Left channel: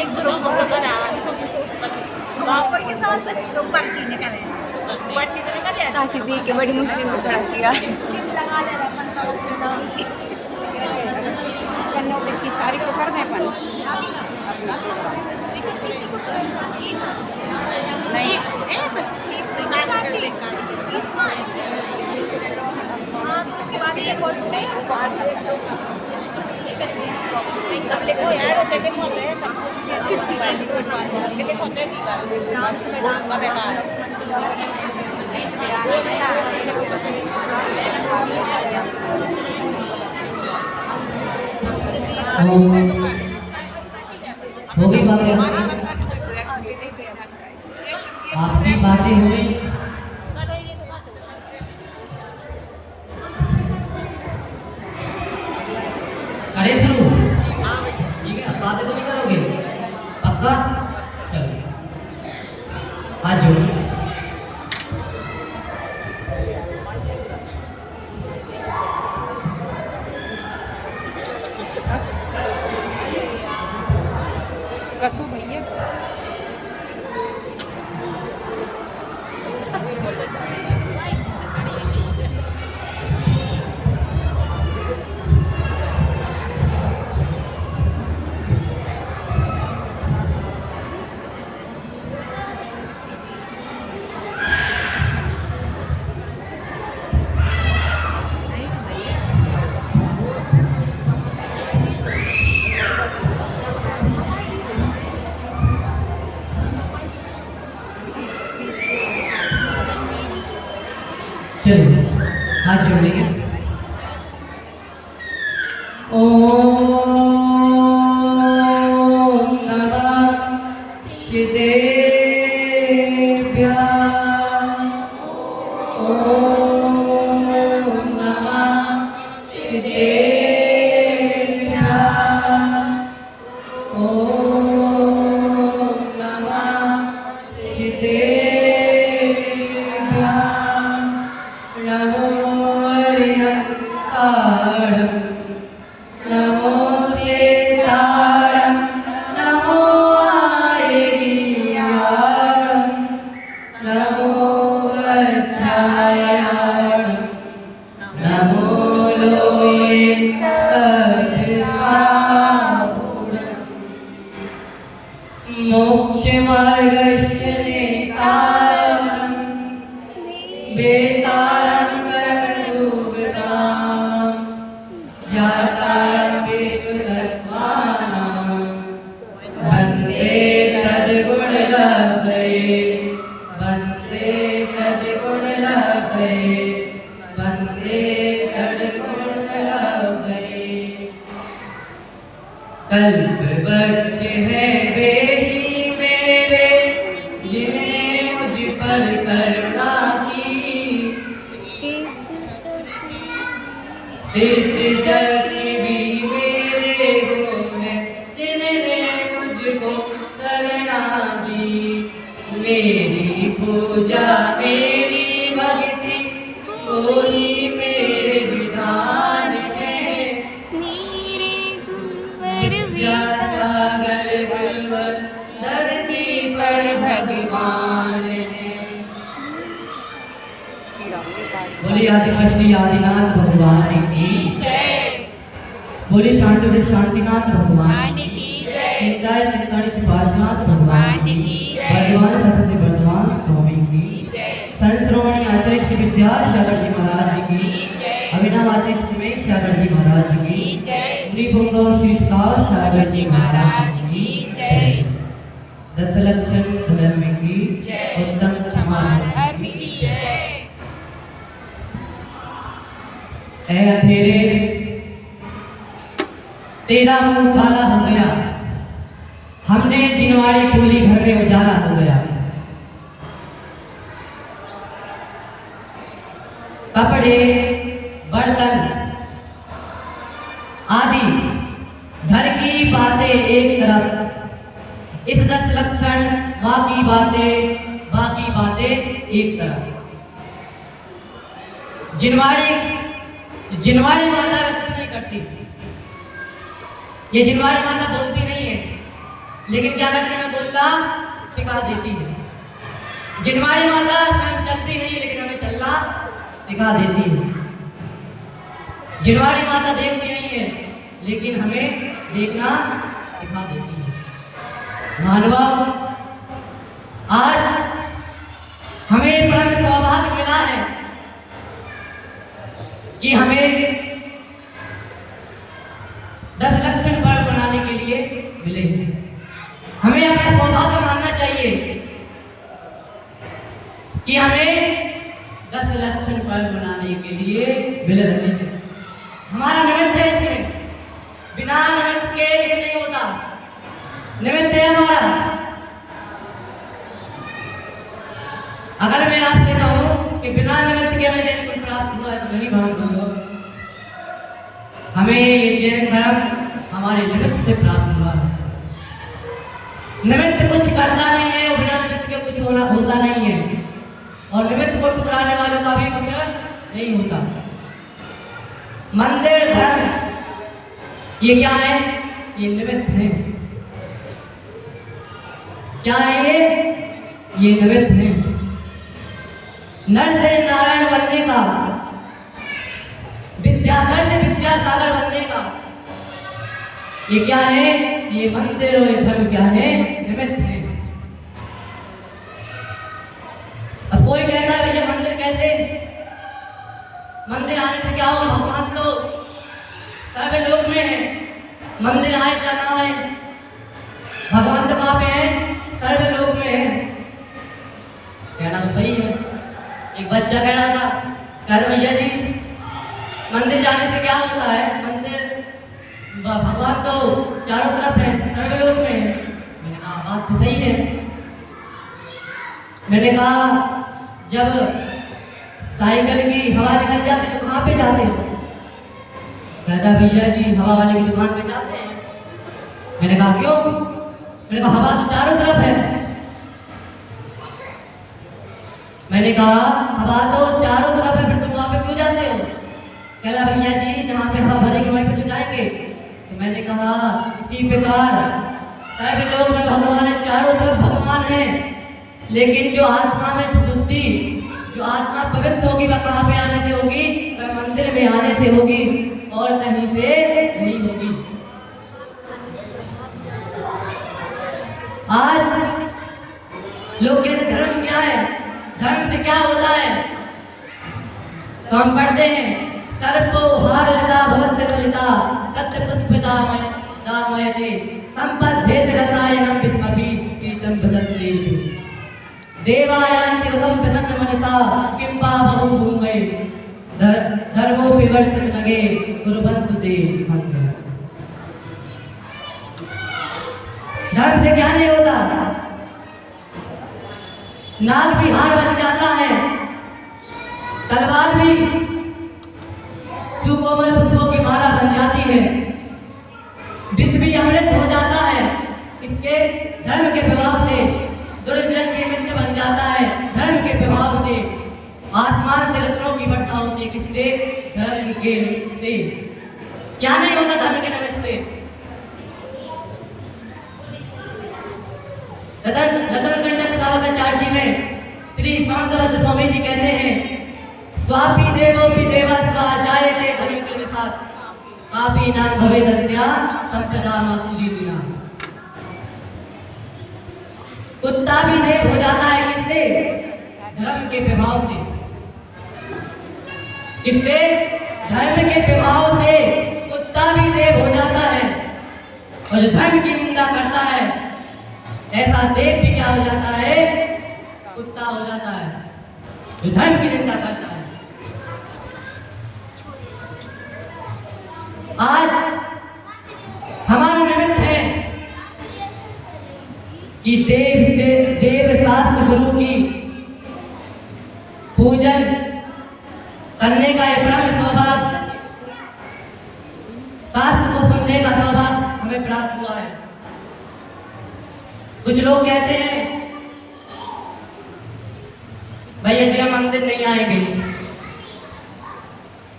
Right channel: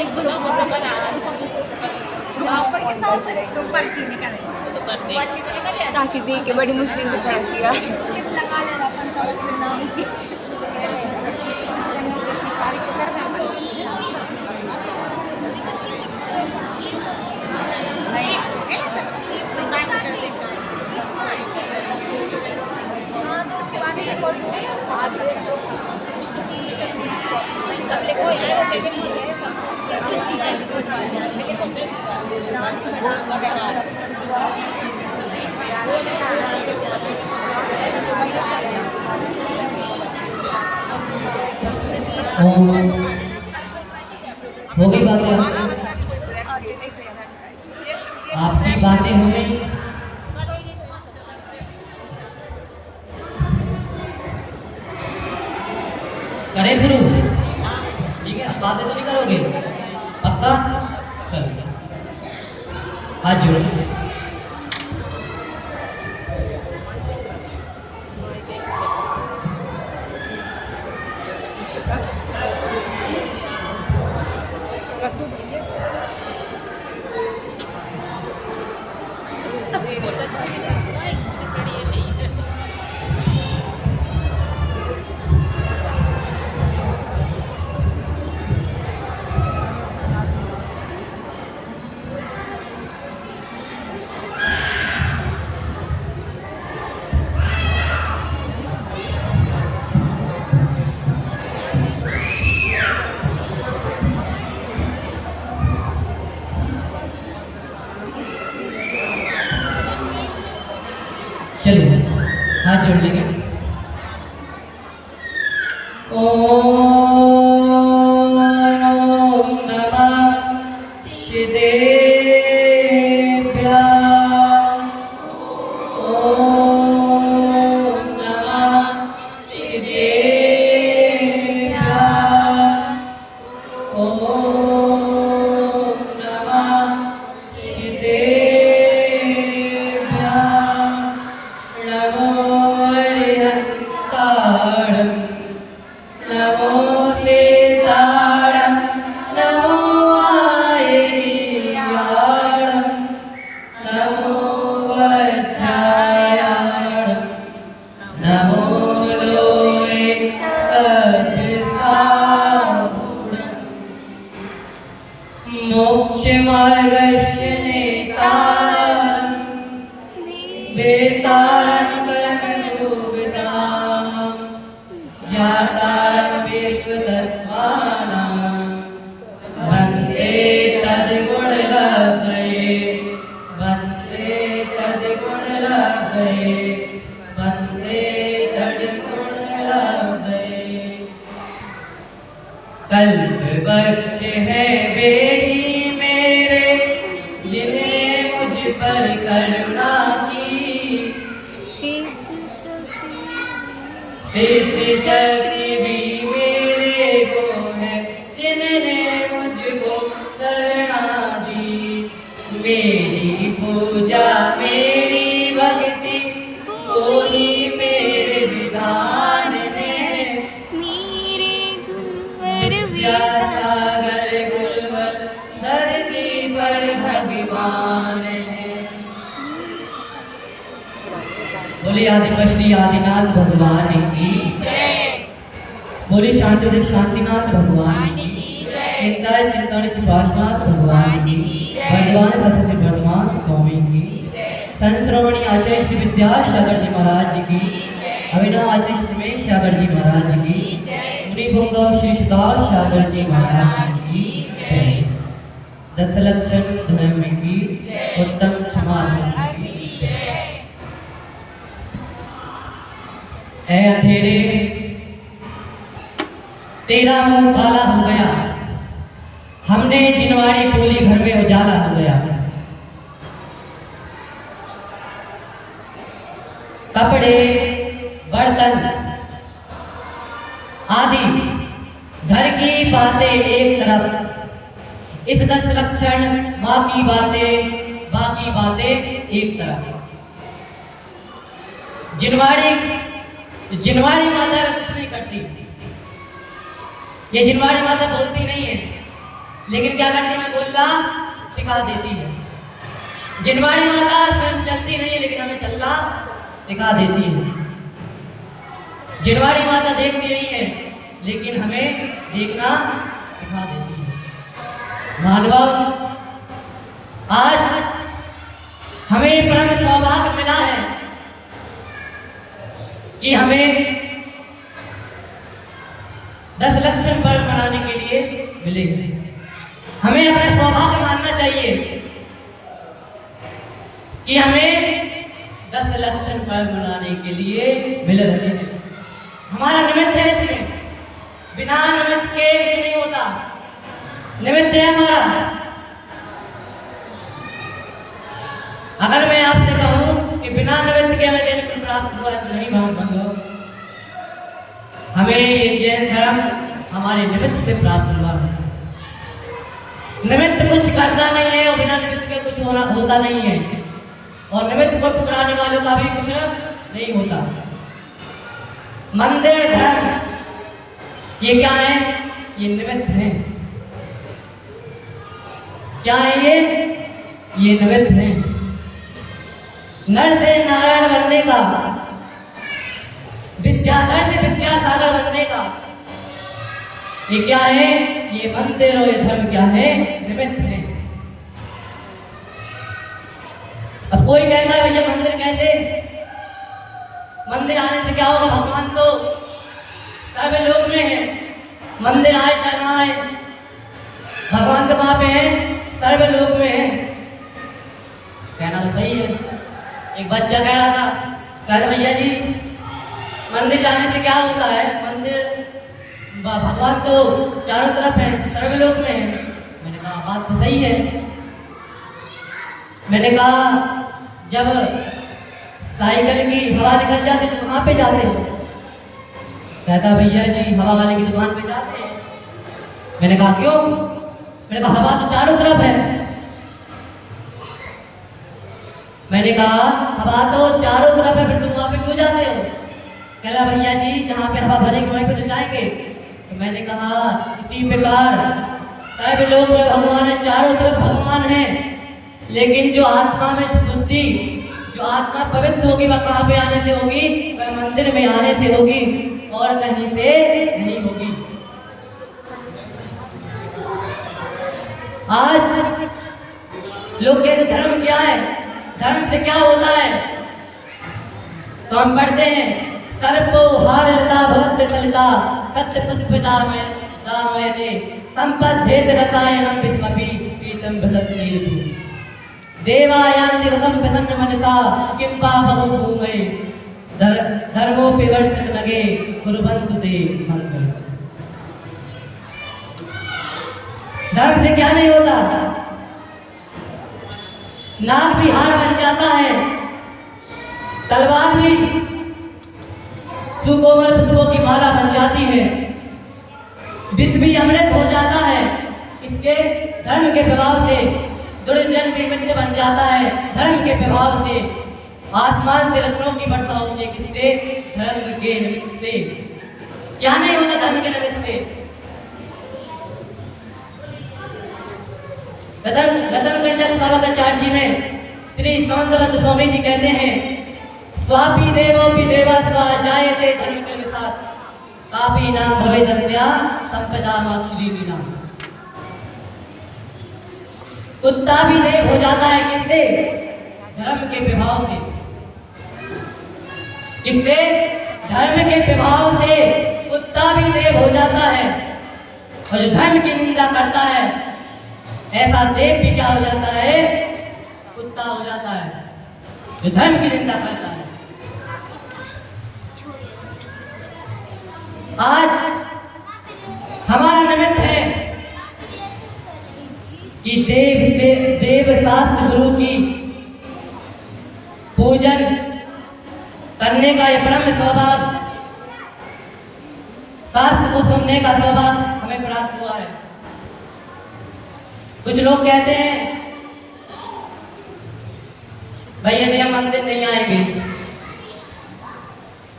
एक ग्रुप चाची दी के बड़ी मुश्किल से खड़ा किया। हो गई बातें, आपकी बातें हो गई। करें शुरू, ठीक है? बातें तो नहीं करोगे, पक्का? चलिए हाथ जोड़ो। चलिए हाथ जोड़ लेंगे। ओम नमः शिवाय। ओम नमः शिवाय। ओम नमः शिवाय। नमो हरिहत्ताळं नमो सीताळं नमो आयर्याळं नमो वज्रायाळं नमो लोये सविताभूषणं मोक्षमार्गस्य नेतारं वेतारं सर्वभूतां जातारं विश्वतत्त्वानां वन्दे तद्गुणलब्धये वन्दे तद्गुणलब्धये वन्दे तद्गुणलब्धये। कल्पवृक्ष है वे ही मेरे जिन्होंने मुझ पर करुणा की। सिद्ध चक्र भी मेरे को है जिन्होंने मुझको शरणा दी। मेरी पूजा मेरी भक्ति कोई मेरे विधान है। विद्यासागर गुरुवर धरती पर भगवान है। बोले आदिनाथ श्री आदिनाथ भगवान की जय। बोले शांति शांतिनाथ भगवान की जय। चिंताय चिंतन सुभाषनाथ भगवान की जय। भगवान सरस्वती वर्धमान स्वामी की जय। संश्रवणी आचार्य श्री विद्यासागर जी महाराज की जय। अभिनव आचार्य सुमेश सागर जी महाराज की जय। मुनिपुंगव श्री सुधार सागर जी महाराज की जय। दशलक्षण धर्म की जय। उत्तम क्षमा की जय। ऐ अंधेरे तेरा मुंह काला हो गया, हमने जिनवाड़ी टोली घर में उजाला हो गया। कपड़े बर्तन आदि घर की बातें एक तरफ, इस 10 लक्षण माँ की बातें बाकी बातें एक तरफ। जिनवाड़ी माता कुछ नहीं करती, ये जिनवाड़ी माता बोलती नहीं है, लेकिन क्या करती है, हमें बोलना सिखा देती है। जिनवाड़ी माता स्वयं चलती नहीं है, लेकिन हमें चलना सिखा देती है। जिनवाड़ी माता देखती नहीं है, लेकिन हमें देखना सिखा देती है। मानव, आज हमें परम सौभाग्य मिला है कि हमें 10 लक्षण फल बनाने के लिए मिले। हमें अपना सौभाग्य मानना चाहिए कि हमें 10 लक्षण फल बनाने के लिए मिल रहे हैं। हमारा निमित्त है इसमें, बिना निमित्त के कुछ नहीं होता। निमित्त है हमारा। अगर मैं आपसे कहूं कि बिना निमित्त के मैं जैन कुछ प्राप्त हुआ नहीं भाव, हमें ये जैन धर्म हमारे निमित्त से प्राप्त हुआ है। निमित्त कुछ करता नहीं है और बिना निमित्त के कुछ होता नहीं है, और निमित्त को ठुकराने वालों का भी कुछ नहीं होता। मंदिर धर्म ये क्या है? ये निमित्त है। क्या है ये? ये निमित्त है। नर से नारायण बनने का, विद्याधर से विद्यासागर बनने का, ये क्या है? ये मंदिर और ये धर्म क्या है? निमित्त है। अब कोई कहता है भैया मंदिर कैसे? मंदिर आने से क्या होगा? भगवान तो सर्वलोक में है। मंदिर आए चाहे ना आए, भगवान तो कहाँ पे है? सर्वलोक में है। कहना तो सही है। एक बच्चा कह रहा था, कह रहा भैया जी मंदिर जाने से क्या होता है? मंदिर, भगवान तो चारों तरफ है, सर्वलोक में है। मैंने कहा बात तो सही है। मैंने कहा जब साइकिल की हवा निकल जाती है तो कहाँ पे जाते हो? कहता भैया जी हवा वाले की दुकान पे जाते हैं। मैंने कहा क्यों? मैंने कहा हवा तो चारों तरफ है। मैंने कहा हवा तो चारों तरफ है, फिर तुम वहां पे क्यों जाते हो? कहला भैया जी जहाँ पे हवा भरेगी वहीं पे तो जाएंगे। तो मैंने कहा इसी प्रकार सर्वलोक में भगवान है, चारों तरफ भगवान है, लेकिन जो आत्मा में शुद्धि, जो आत्मा पवित्र होगी वह कहाँ पे आने से होगी? वह मंदिर में आने से होगी और कहीं से नहीं होगी। आज लोग कहते धर्म क्या है, धर्म से क्या होता है? तो हम पढ़ते हैं सर्पो हार लता भक्त ललिता सत्य पुष्पिता में दामयते संपद्येत रसायनम विस्मपि पीतम भदते देवायान्ति रसम प्रसन्न मनसा किंबा बहु भूमि धर्मो विवर्षण लगे गुरुबंधु दे मंत्र। धर्म से क्या नहीं होता? नाग भी हार बन जाता है, तलवार भी सुकोमल पुष्पों की माला बन जाती है, विष भी अमृत हो जाता है। इसके धर्म के प्रभाव से दुर्जन भी मित्र बन जाता है। धर्म के प्रभाव से आसमान से रत्नों की वर्षा होती है। किससे? धर्म के से। क्या नहीं होता धर्म के निमित्त से? रतन कंटक सावकाचार्य में श्री शांतवत स्वामी जी कहते हैं स्वापी देवोपि देवा स्वाजायते धर्म के साथ कापी नाम भवे दत्या सत्यदामा श्री बिना। कुत्ता भी देव हो जाता है किससे? धर्म के प्रभाव से। किससे? धर्म के प्रभाव से कुत्ता भी देव हो जाता है। और जो धर्म की निंदा करता है ऐसा देव भी क्या हो जाता है? कुत्ता हो जाता है, जो धर्म की निंदा करता है। आज हमारा निमित्त है कि देव शास्त्र गुरु की पूजन करने का एक परम सौभाग्य, शास्त्र को सुनने का सौभाग्य हमें प्राप्त हुआ है। कुछ लोग कहते हैं भैया जी हम मंदिर नहीं आएंगे,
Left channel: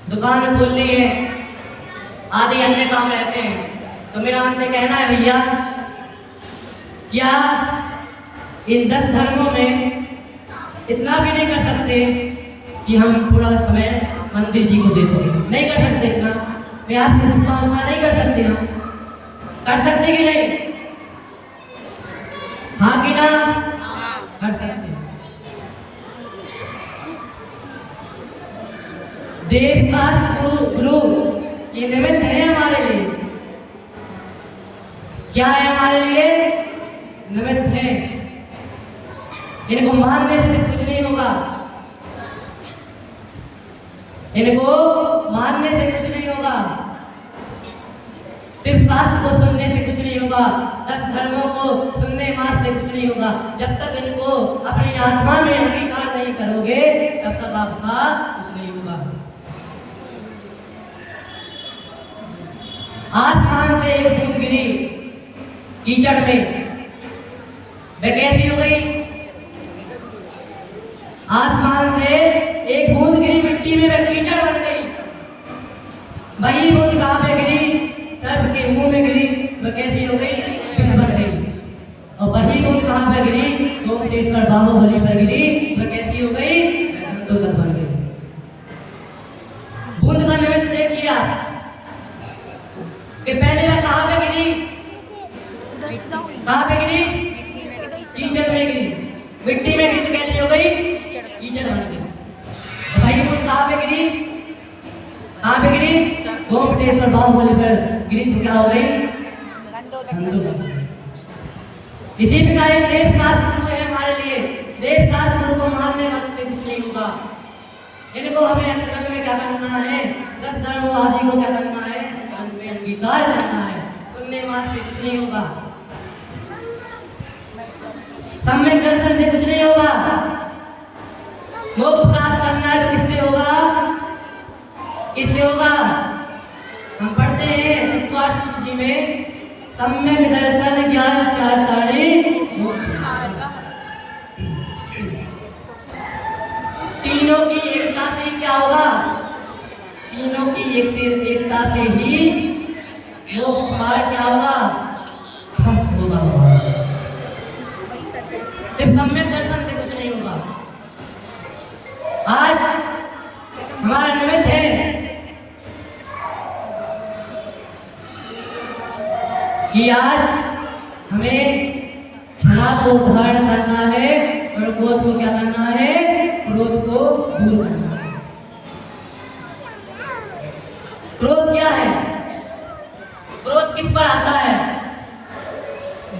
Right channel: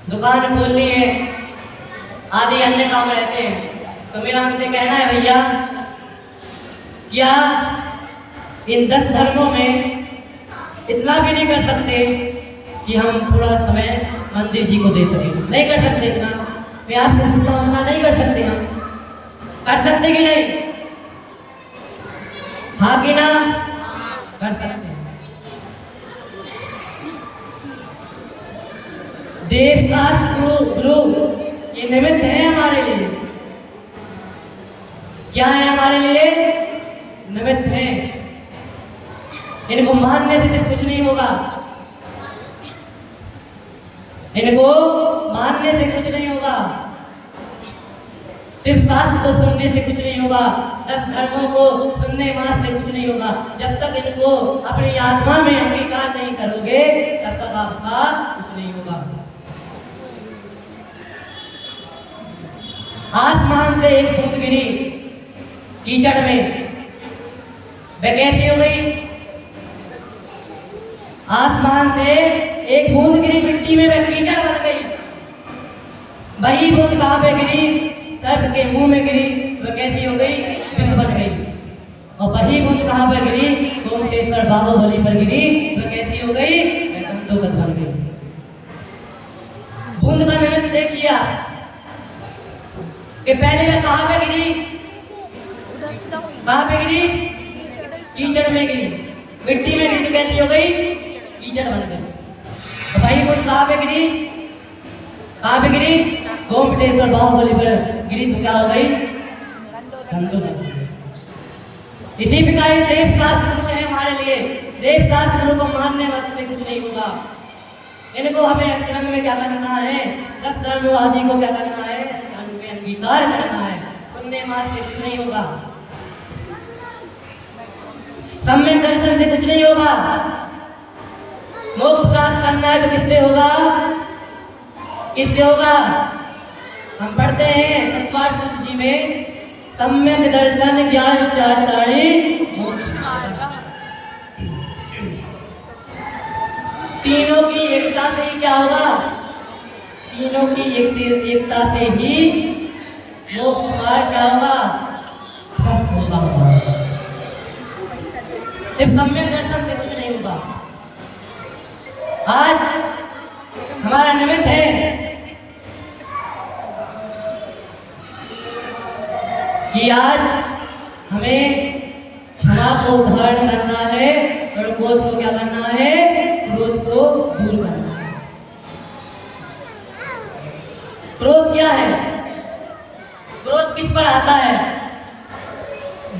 दुकान खोलनी है, आदि अन्य काम रहते हैं, तो मेरा उनसे कहना है भैया, क्या इन 10 धर्मों में इतना भी नहीं कर सकते कि हम थोड़ा समय मंदिर जी को दे सकें? नहीं कर सकते इतना? मैं आपसे पूछता हूँ, इतना नहीं कर सकते हम? कर सकते कि नहीं? हाँ कि ना? कर सकते। देव शास्त्र गुरु ये निमित्त है हमारे लिए। क्या है हमारे लिए? निमित्त है। इनको मानने से कुछ नहीं होगा, इनको मानने से कुछ नहीं होगा, सिर्फ शास्त्र को सुनने से कुछ नहीं होगा, 10 धर्मों को सुनने मात्र से कुछ नहीं होगा। जब तक इनको अपनी आत्मा में अंगीकार नहीं करोगे तब तक आपका कुछ नहीं होगा। आसमान से एक बूंद गिरी कीचड़ में, वह कैसी हो गई? आसमान से एक बूंद गिरी मिट्टी में, वह कीचड़ बन गई। वही बूंद कहाँ पे गिरी? सर्प के मुंह में गिरी, वह कैसी हो गई? विष बन गई। और वही बूंद कहाँ पे गिरी? गोमटेश्वर बाहुबली पर गिरी, वह कैसी हो गई? वह दंतोगत बन गई। बूंद का निमित्त देखिए आप कि पहले वह कहाँ पे गिरी? कहाँ पे गिरी? कीचड़ में गिरी। मिट्टी में गिरी तो कैसी हो गई? कीचड़ बन गई। तो भाई वो कहाँ पे गिरी? कहाँ पे गिरी? गोमटेश्वर बाहुबली पर गिरी तो क्या हो गई? इसी प्रकार ये देव शास्त्र गुरु है हमारे लिए। देव शास्त्र गुरु को मानने से कुछ नहीं होगा। इनको हमें अंतरंग में क्या करना है? 10 धर्मों आदि को क्या करना है? उनमें अंगीकार करना है। सुनने मात्र से कुछ नहीं होगा, सम्यक दर्शन से कुछ नहीं होगा। मोक्ष प्राप्त करना है तो किससे होगा? किससे होगा? हम पढ़ते हैं चतुर्थ सूत्र जी में, सम्यक दर्शन ज्ञान चारिताड़ी मोक्ष मार्ग। तीनों की एकता से ही क्या होगा? तीनों की एकता से ही मोक्ष मार्ग क्या होगा? स्वस्थ होगा। सिर्फ सम्यक दर्शन से कुछ नहीं होगा। आज हमारा निमित्त है कि आज हमें क्षमा को धारण करना है और क्रोध को क्या करना है? क्रोध को दूर करना है। क्रोध क्या है? क्रोध किस पर आता है?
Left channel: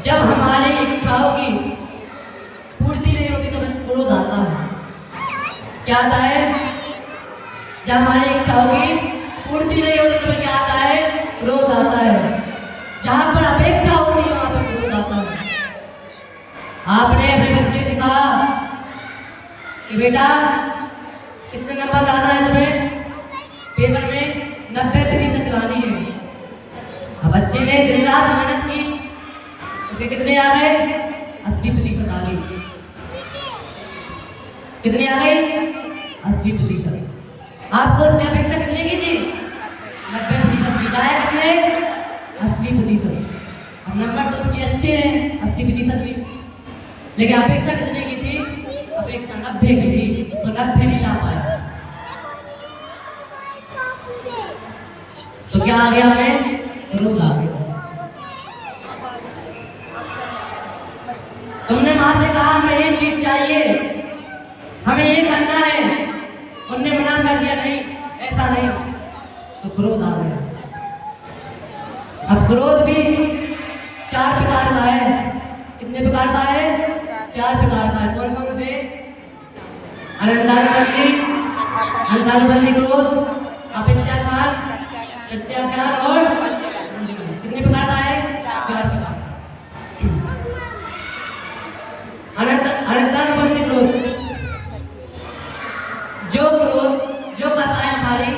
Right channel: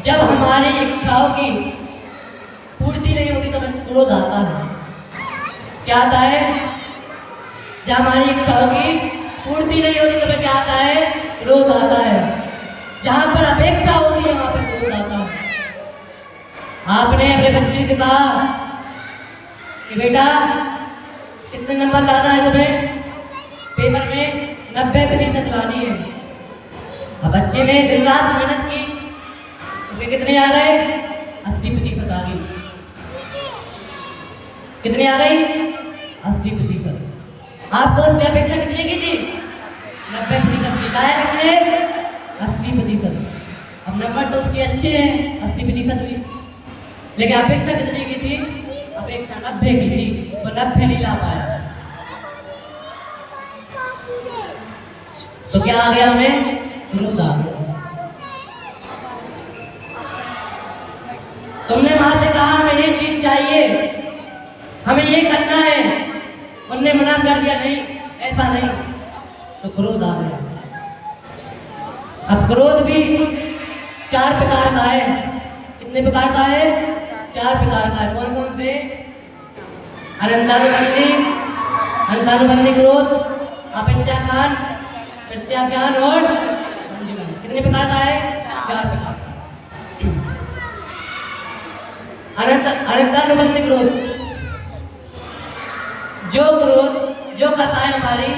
जब हमारी इच्छाओं की पूर्ति नहीं होती तो हमें क्रोध आता है। क्या आता है? जब हमारी इच्छाओं की पूर्ति नहीं होती तो हमें क्या आता है? क्रोध आता है। जहां पर अपेक्षा होती है वहां पर क्रोध आता है। आपने अपने बच्चे से कहा कि बेटा कितने नंबर लाना है तुम्हें पेपर में? 90% लानी है। अब बच्चे ने दिन रात मेहनत की, उसे कितने आ गए? 80% आ गई। कितनी आ गई? 80%। आपको उसकी अपेक्षा कितनी की थी? 90% की। लाया कितने? 80%। अब नंबर तो उसके अच्छे हैं 80% की, लेकिन अपेक्षा कितनी की थी? अपेक्षा 90 की थी, तो 90 नहीं ला पाया। तो क्या आ गया हमें? क्रोध आ गया। तुमने वहां से कहा हमें ये चीज चाहिए, हमें ये करना है, उनने मना कर दिया नहीं ऐसा नहीं, तो क्रोध आ गया। अब क्रोध भी 4 प्रकार का है। कितने प्रकार का है? 4 प्रकार का है। कौन कौन से? अनंतानुबंधी क्रोध, अपित्याख्यान, प्रत्याख्यान और कितने प्रकार का है? 4 प्रकार का। अनंतानुबंधी क्रोध, जो क्रोध जो कथाएं हमारी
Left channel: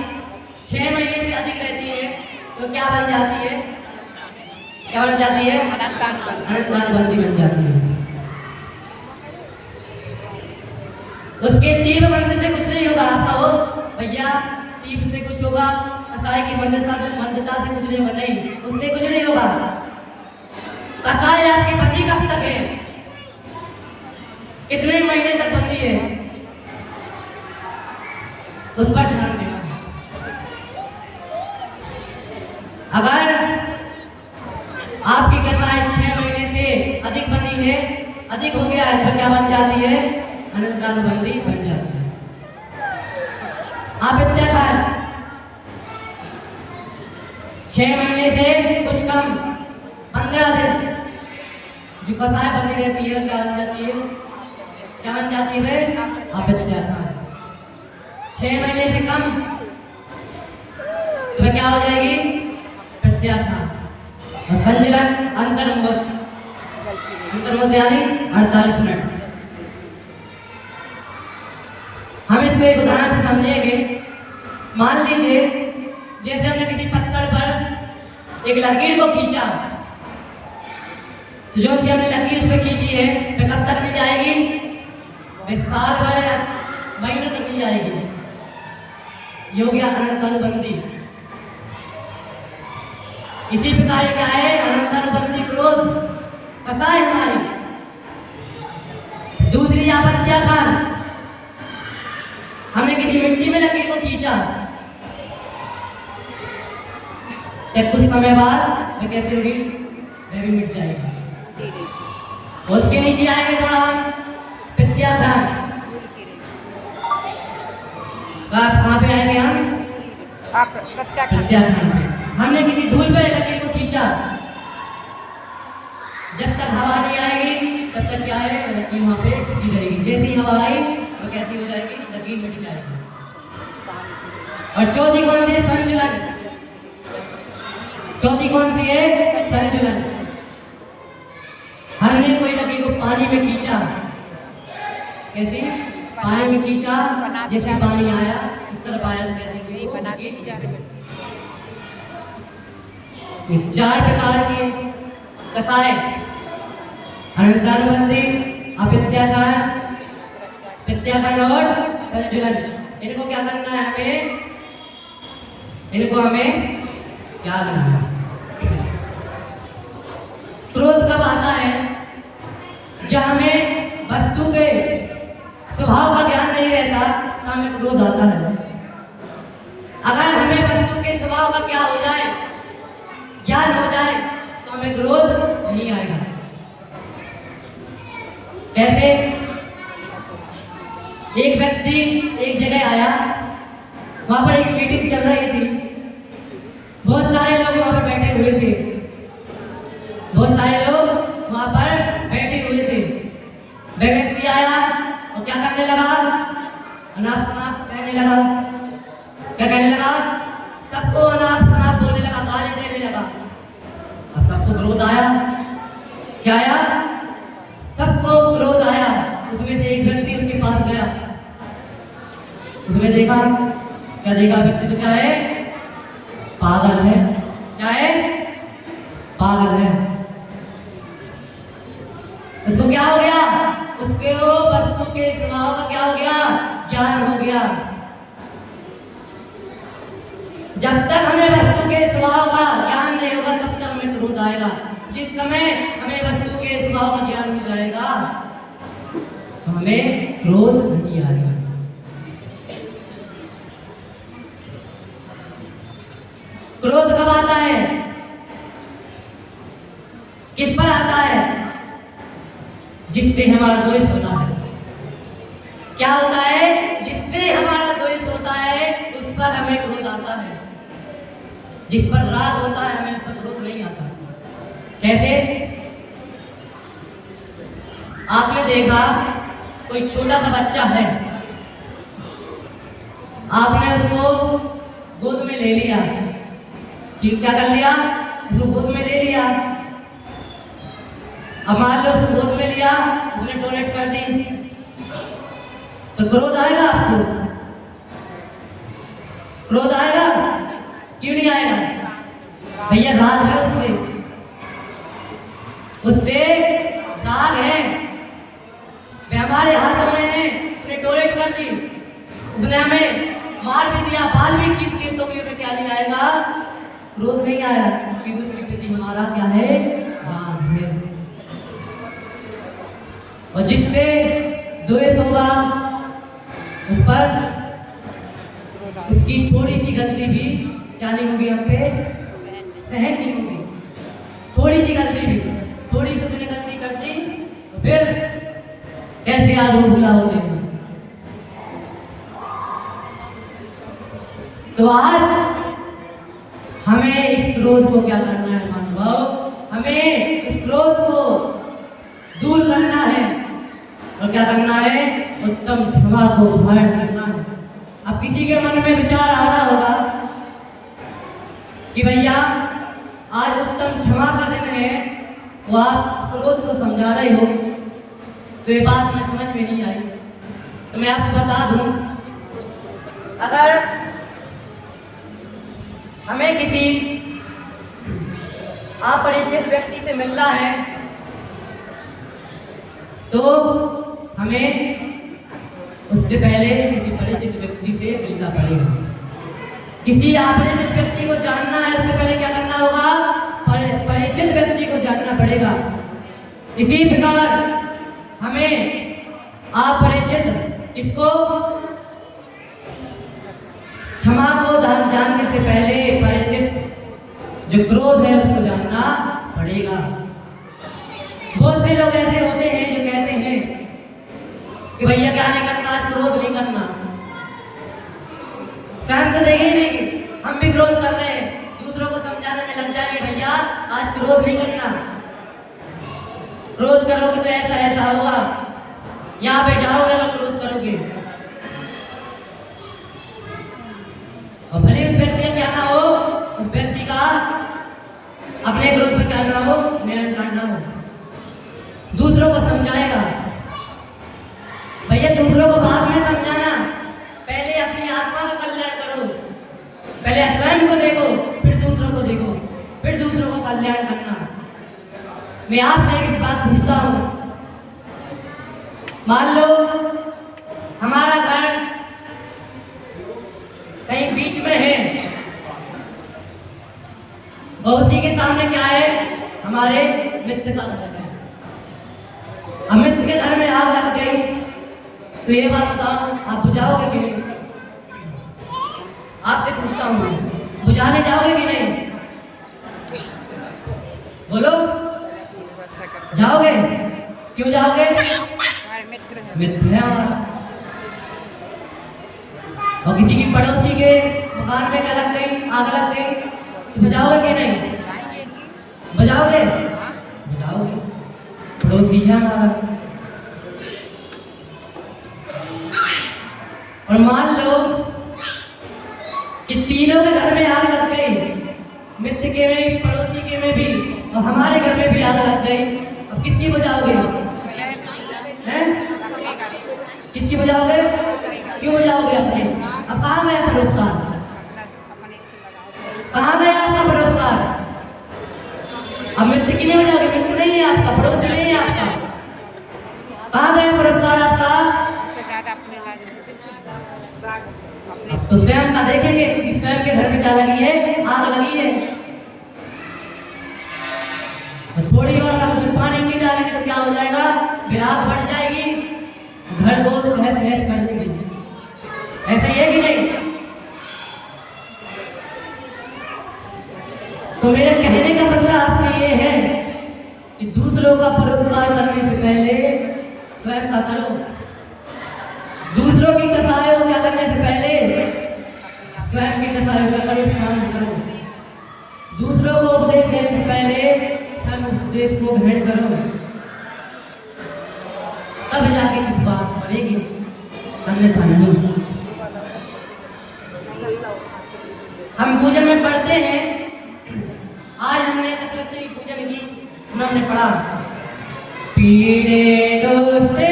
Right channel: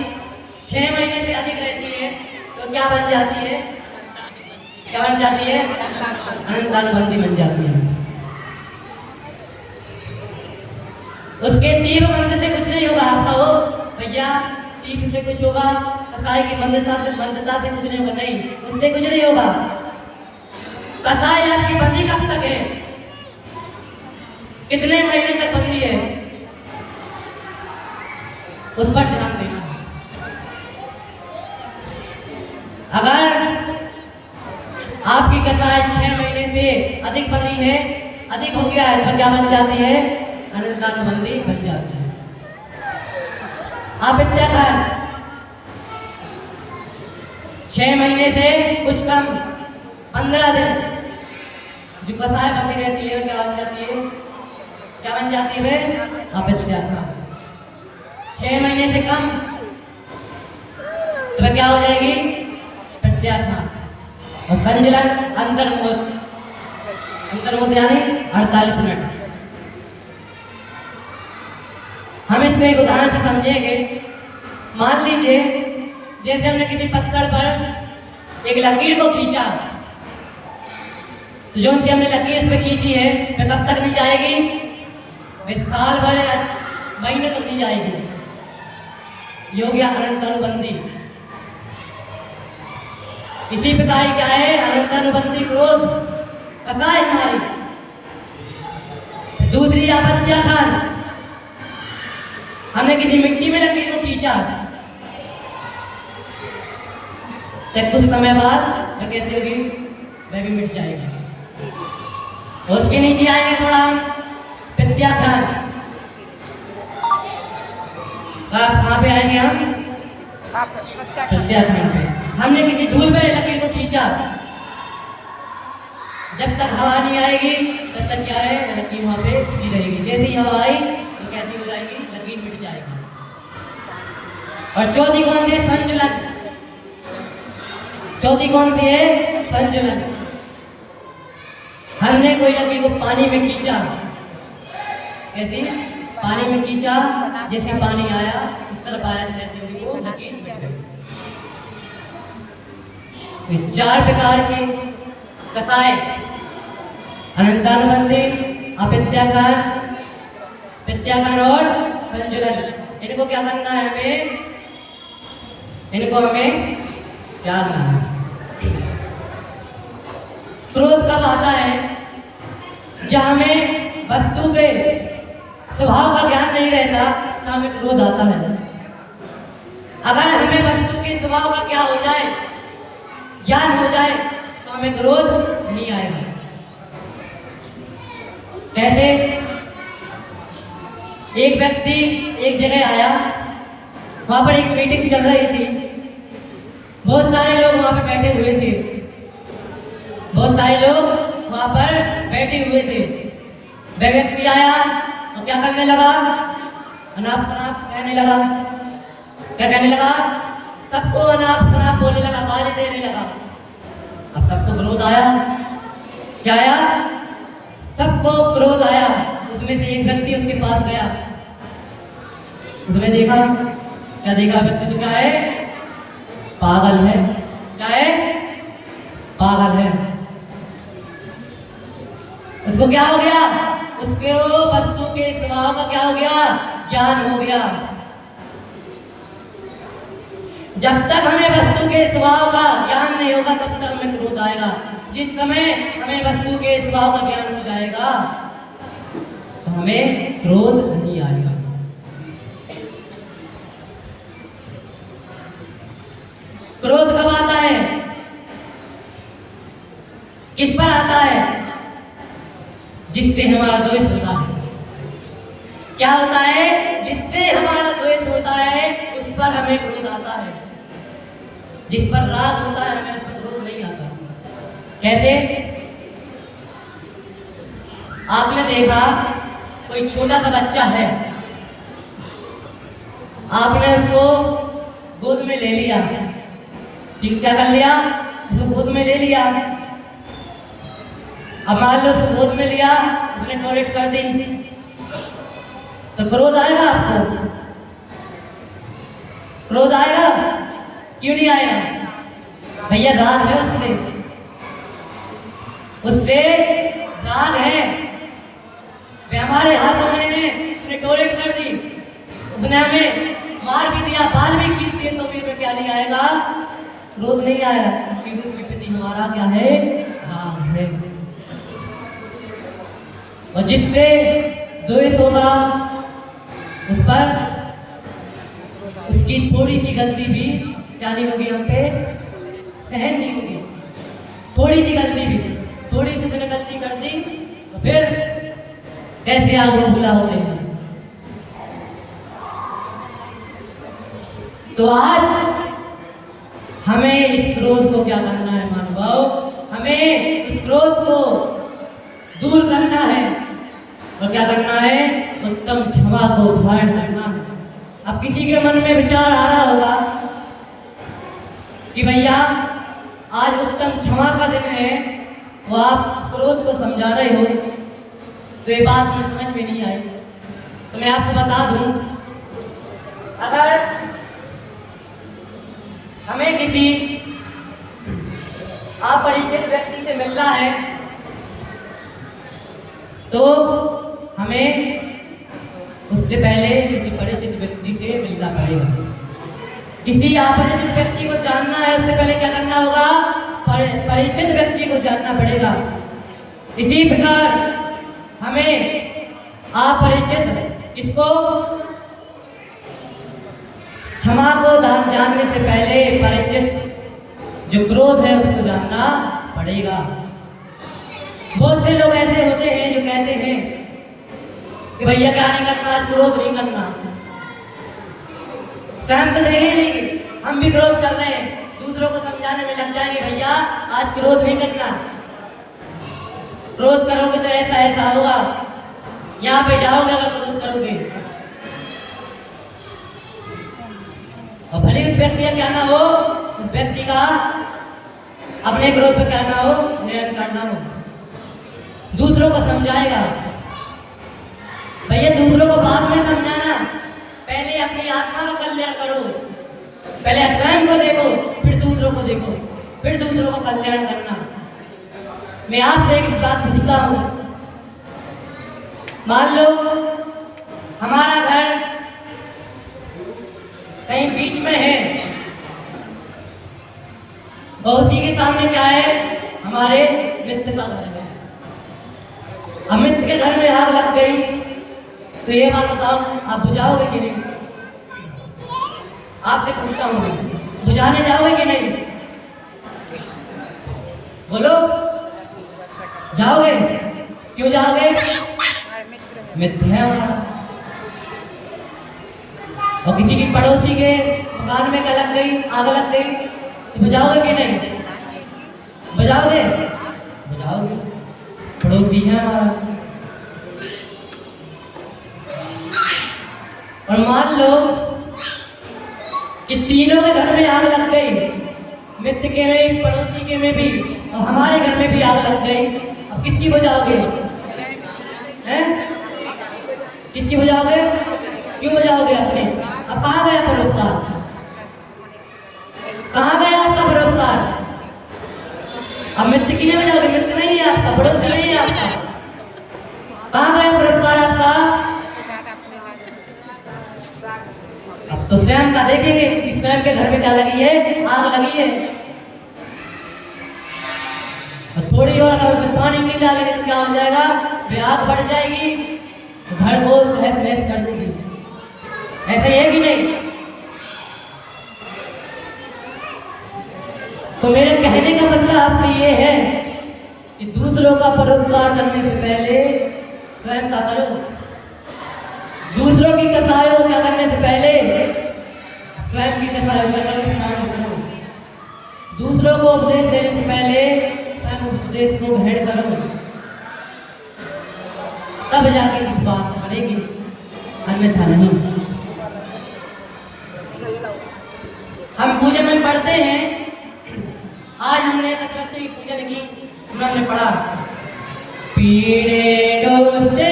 6 महीने से अधिक रहती है तो क्या बन जाती है? क्या बन जाती है? अनंतानुबंधी बन जाती है। उसके तीव्र मंत्र से कुछ नहीं होगा। आप कहो भैया तीव्र से कुछ होगा? कसाई की बंधता से कुछ नहीं होगा, नहीं, उससे कुछ नहीं होगा। कसाई आपकी बंदी कब तक है, कितने महीने तक बंदी है, उस पर ध्यान देना। अगर आपकी कसाई 6 महीने से अधिक बंदी है, अधिक हो गया है, तो क्या बन जाती है, अनंतानुबंधी बन जाती है। आप इत्याकार 6 महीने से कुछ कम 15 दिन जो कसाई बंदी रहती है, क्या बन जाती है, क्या बन जाती है, आप इत्याकार 6 महीने से कम तो क्या हो जाएगी, प्रत्याख्यान। और संचलन अंतर्मुख यानी 48 मिनट। हम इसको एक उदाहरण से समझेंगे। मान लीजिए जैसे हमने किसी पत्थर पर एक लकीर को खींचा, तो जो कि हमने लकीर इस पे खींची है, तो कब तक नहीं जाएगी, साल भर या महीने तक नहीं जाएगी। ये हो गया अनंतानुबंधी। इसी प्रकार क्या है, अनंतानुबंधी क्रोध कसाई हमारी। दूसरी आपत्याखान, हमने किसी मिट्टी में लकीर को खींचा, तब कुछ समय बाद मैं कहती होगी वह भी मिट जाएगी। उसके नीचे आएंगे थोड़ा हम प्रत्याखान, कहाँ पे आएंगे हम, प्रत्याखान पे। हमने किसी धूल पे लकीर को खींचा, जब तक हवा नहीं आएगी तब तक क्या है, लकीर वहां पे खींची रहेगी। जैसे ही हवा आई तो कैसी हो जाएगी, लकीर मिट जाएगी। और चौथी कौन सी है, संचलन। चौथी कौन सी है, संचलन। हमने कोई लकीर को पानी में खींचा, कैसे पानी में खींचा, जैसे पानी आया उस तरफ आया, कैसे ये 4 प्रकार के कसाई, अनंतानुबंधी, अप्रत्याखान, प्रत्याखान और संचलन। इनको क्या करना है हमें, इनको हमें क्या करना है। क्रोध कब आता है, जब हमें वस्तु के स्वभाव का ज्ञान नहीं रहता तो हमें क्रोध आता है। अगर हमें वस्तु के स्वभाव का क्या हो जाए, ज्ञान हो जाए, तो हमें क्रोध नहीं आएगा। कैसे, एक व्यक्ति एक जगह आया, वहां पर एक मीटिंग चल रही थी, बहुत सारे लोग वहां पर बैठे हुए थे, बहुत सारे लोग वहां पर बैठे हुए थे। वह व्यक्ति आया और क्या करने लगा, अनाप शनाप कहने लगा। क्या कहने लगा, सबको अनाप शनाप बोलने लगा, गाली देने लगा। अब सबको क्रोध आया, क्या आया, सबको क्रोध आया। उसमें से एक व्यक्ति उसके पास गया, उसने देखा, क्या देखा, व्यक्ति तो क्या है, पागल है। क्या है, पागल है। उसको क्या हो गया, उसके वो वस्तु के स्वभाव का क्या हो गया, ज्ञान हो गया। जब तक हमें वस्तु के स्वभाव का ज्ञान नहीं होगा तब तक हमें क्रोध आएगा। जिस समय हमें वस्तु के स्वभाव का ज्ञान हो जाएगा तो हमें क्रोध नहीं आएगा। क्रोध कब आता है, किस पर आता है, जिससे हमारा द्वेष होता है। क्या होता है, जिससे हमारा द्वेष होता है उस पर हमें क्रोध आता है। जिस पर राग होता है हमें उस पर क्रोध नहीं आता। कैसे, आपने देखा कोई छोटा सा बच्चा है, आपने उसको गोद में ले लिया, ठीक, क्या कर लिया, उसको गोद में ले लिया। अब मान लो उसको गोद में लिया, उसने टॉयलेट कर दी, तो क्रोध आएगा आपको, क्रोध आएगा, क्यों नहीं आएगा, भैया राग है उससे, उससे राग है, वे हमारे हाथों में है, उसने टॉयलेट कर दी, उसने हमें मार भी दिया, बाल भी खींच है तो भी हमें क्या नहीं आएगा, क्रोध नहीं आया, क्योंकि उसके प्रति हमारा क्या है, राग है। और जिससे द्वेष होगा उस पर उसकी थोड़ी सी गलती भी क्या नहीं होगी, हम पे सहन नहीं होगी। थोड़ी सी गलती भी, थोड़ी सी उसने गलती कर दी तो फिर कैसे आज वो भूला होते हैं। तो आज हमें इस क्रोध को क्या करना है महानुभाव, हमें इस क्रोध को दूर करना है और क्या करना है, उत्तम क्षमा को धारण करना है। अब किसी के मन में विचार आ रहा होगा कि भैया आज उत्तम क्षमा का दिन है, वो आप क्रोध को समझा रहे हो, तो ये बात में समझ में नहीं आई। तो मैं आपको बता दूं, अगर हमें किसी अपरिचित व्यक्ति से मिलना है तो हमें उससे पहले किसी परिचित व्यक्ति से मिलना पड़ेगा। किसी अपरिचित व्यक्ति को जानना है, उससे पहले क्या करना होगा, परिचित व्यक्ति को जानना पड़ेगा। इसी प्रकार हमें अपरिचित किसको, क्षमा को जानने से पहले परिचित जो क्रोध है उसको जानना पड़ेगा। बहुत से लोग ऐसे होते हैं जो कहते हैं कि भैया क्या नहीं करना, आज क्रोध नहीं करना। स्वयं तो देखे नहीं कि हम भी क्रोध कर रहे हैं, दूसरों को समझाने में लग जाएंगे भैया आज क्रोध नहीं करना, क्रोध करोगे तो ऐसा ऐसा होगा, यहाँ पे जाओगे तो क्रोध करोगे। और भले उस व्यक्ति का क्या ना हो, उस व्यक्ति का अपने क्रोध पे क्या ना हो, नियंत्रण ना हो, दूसरों को समझाएगा। भैया दूसरों को बाद में समझाना, पहले अपनी आत्मा का कल्याण करो, पहले स्वयं को देखो, फिर दूसरों को देखो, फिर दूसरों का कल्याण करना। मैं आपसे एक बात पूछता हूं, मान लो हमारा घर कहीं बीच में है और उसी के सामने क्या है, हमारे मित्र का घर है। अब मित्र के घर में आग लग गई तो ये बात बताओ आप बुझाओगे कि नहीं? आपसे पूछता हूँ, बुझाने जाओगे कि नहीं? बोलो, जाओगे? क्यों जाओगे? मित्र है हमारा। और किसी की पड़ोसी के मकान में क्या लग गई, आग लग गई, तो बुझाओगे कि नहीं? बुझाओगे? बुझाओगे, पड़ोसी है हमारा। और मान लो कि तीनों के घर में आग लग गई, मित्र के में, पड़ोसी के में भी और हमारे घर में भी आग लग गई। अब किसकी बजाओगे? हैं? किसकी बजाओगे? क्यों बजाओगे अपने? अब कहाँ गया परोपकार? कहाँ गया आपका परोपकार? अब मित्र की नहीं बजाओगे, मित्र नहीं है आपका, पड़ोसी नहीं है आपका, कहाँ गया परोपकार आपका? तो स्वयं का देखेंगे कि स्वयं के घर में क्या लगी है, आग लगी है। और थोड़ी और अगर उसमें पानी नहीं डालेंगे तो क्या हो जाएगा, फिर आग बढ़ जाएगी, घर को तहस नहस कर देगी। ऐसा है कि नहीं? तो मेरे कहने का मतलब आपसे ये है कि दूसरों का परोपकार करने से पहले स्वयं का करो। दूसरों की कथाएं क्या करने से पहले स्वयं की कथाएं करो। दूसरों को उपदेश देने से पहले स्वयं उपदेश को ग्रहण करो, तब जाके किस बात बनेगी, अन्यथा नहीं। हम पूजन में पढ़ते हैं, आज हमने दशलक्ष्मी पूजन की, हमने पढ़ा पीड़े डोसे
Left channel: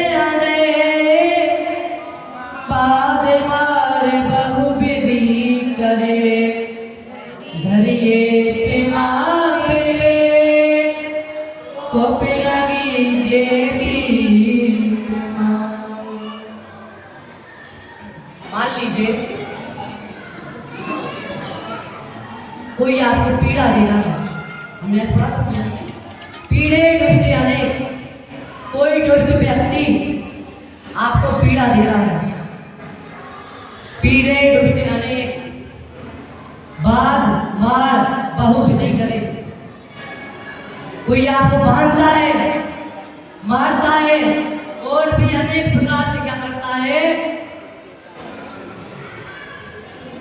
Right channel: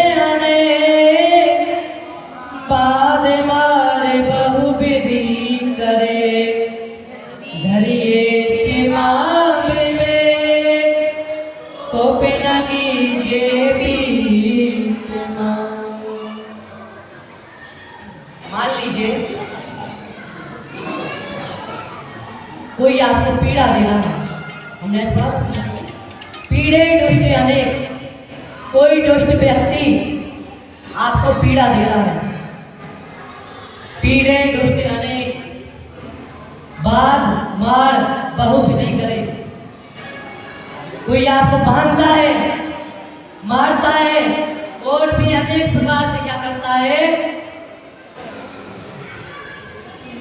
पाद मारे बहु विधि करे, धरिए छिमा तो लगी जे भी। मान लीजिए पीड़ा दे रहा है। हमने आज पढ़ा पीड़े दुष्ट अनेक, कोई दुष्ट व्यक्ति आपको पीड़ा दे रहा है। पीड़े दुष्ट अनेक, बाध मार बहुविधि करे। कोई आपको बांधता है, मारता है, और भी अनेक प्रकार से क्या करता है,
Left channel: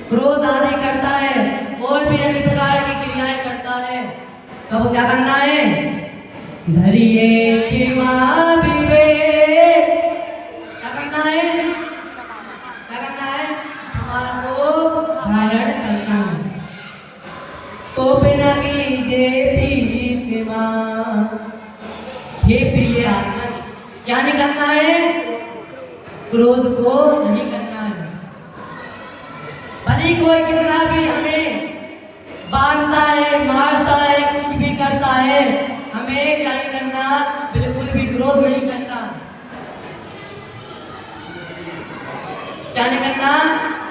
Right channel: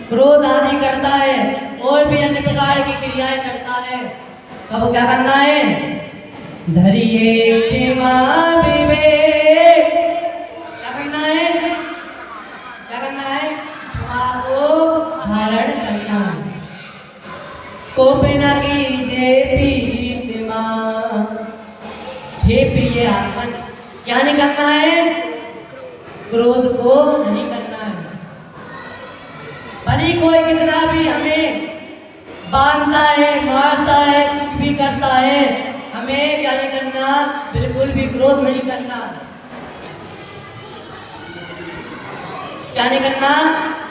क्रोध आदि करता है, और भी अन्य प्रकार की क्रियाएं करता है। तब क्या करना है, धरिए क्षमा विवेक। क्या करना है, क्या करना है, क्षमा को धारण करना है। तो बिना कीजिए प्रीतिमा, हे प्रिय आत्मन, क्या नहीं करना है, क्रोध को नहीं करना है। भले कोई कितना भी हमें बांधता है, मारता है, कुछ भी करता है, हमें क्या नहीं करना, बिल्कुल भी क्रोध नहीं करना। क्या नहीं करना,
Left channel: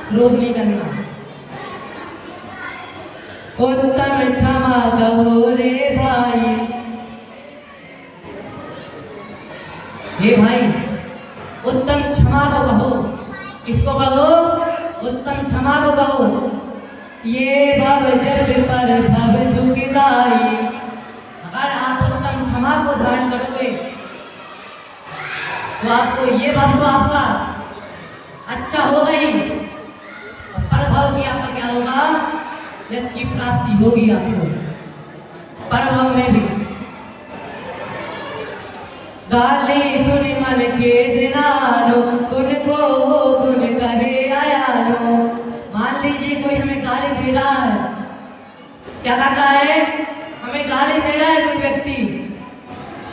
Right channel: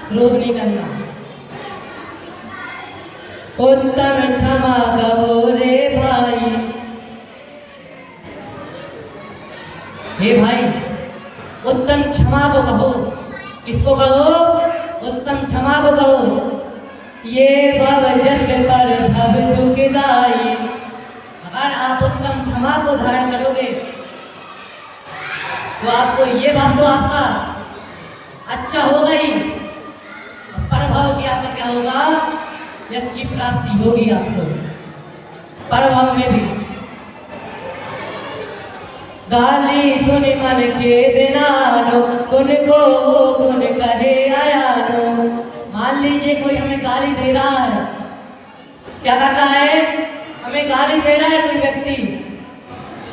क्रोध नहीं करना। उत्तम क्षमा कहो रे भाई, हे भाई उत्तम क्षमा को कहो। किसको कहो, उत्तम क्षमा को कहो। ये भव जग पर भव सुखदाई, अगर आप उत्तम क्षमा को धारण करोगे तो आपको ये भव तो आपका अच्छा हो गई, परभव की आपका क्या होगा, यश की प्राप्ति होगी आपको परभव में भी। गाली सुन मन के दिनानो, उनको गुण कहे आयानो। मान लीजिए कोई हमें गाली दे रहा है, क्या करना है, हमें गाली दे रहा है कोई व्यक्ति,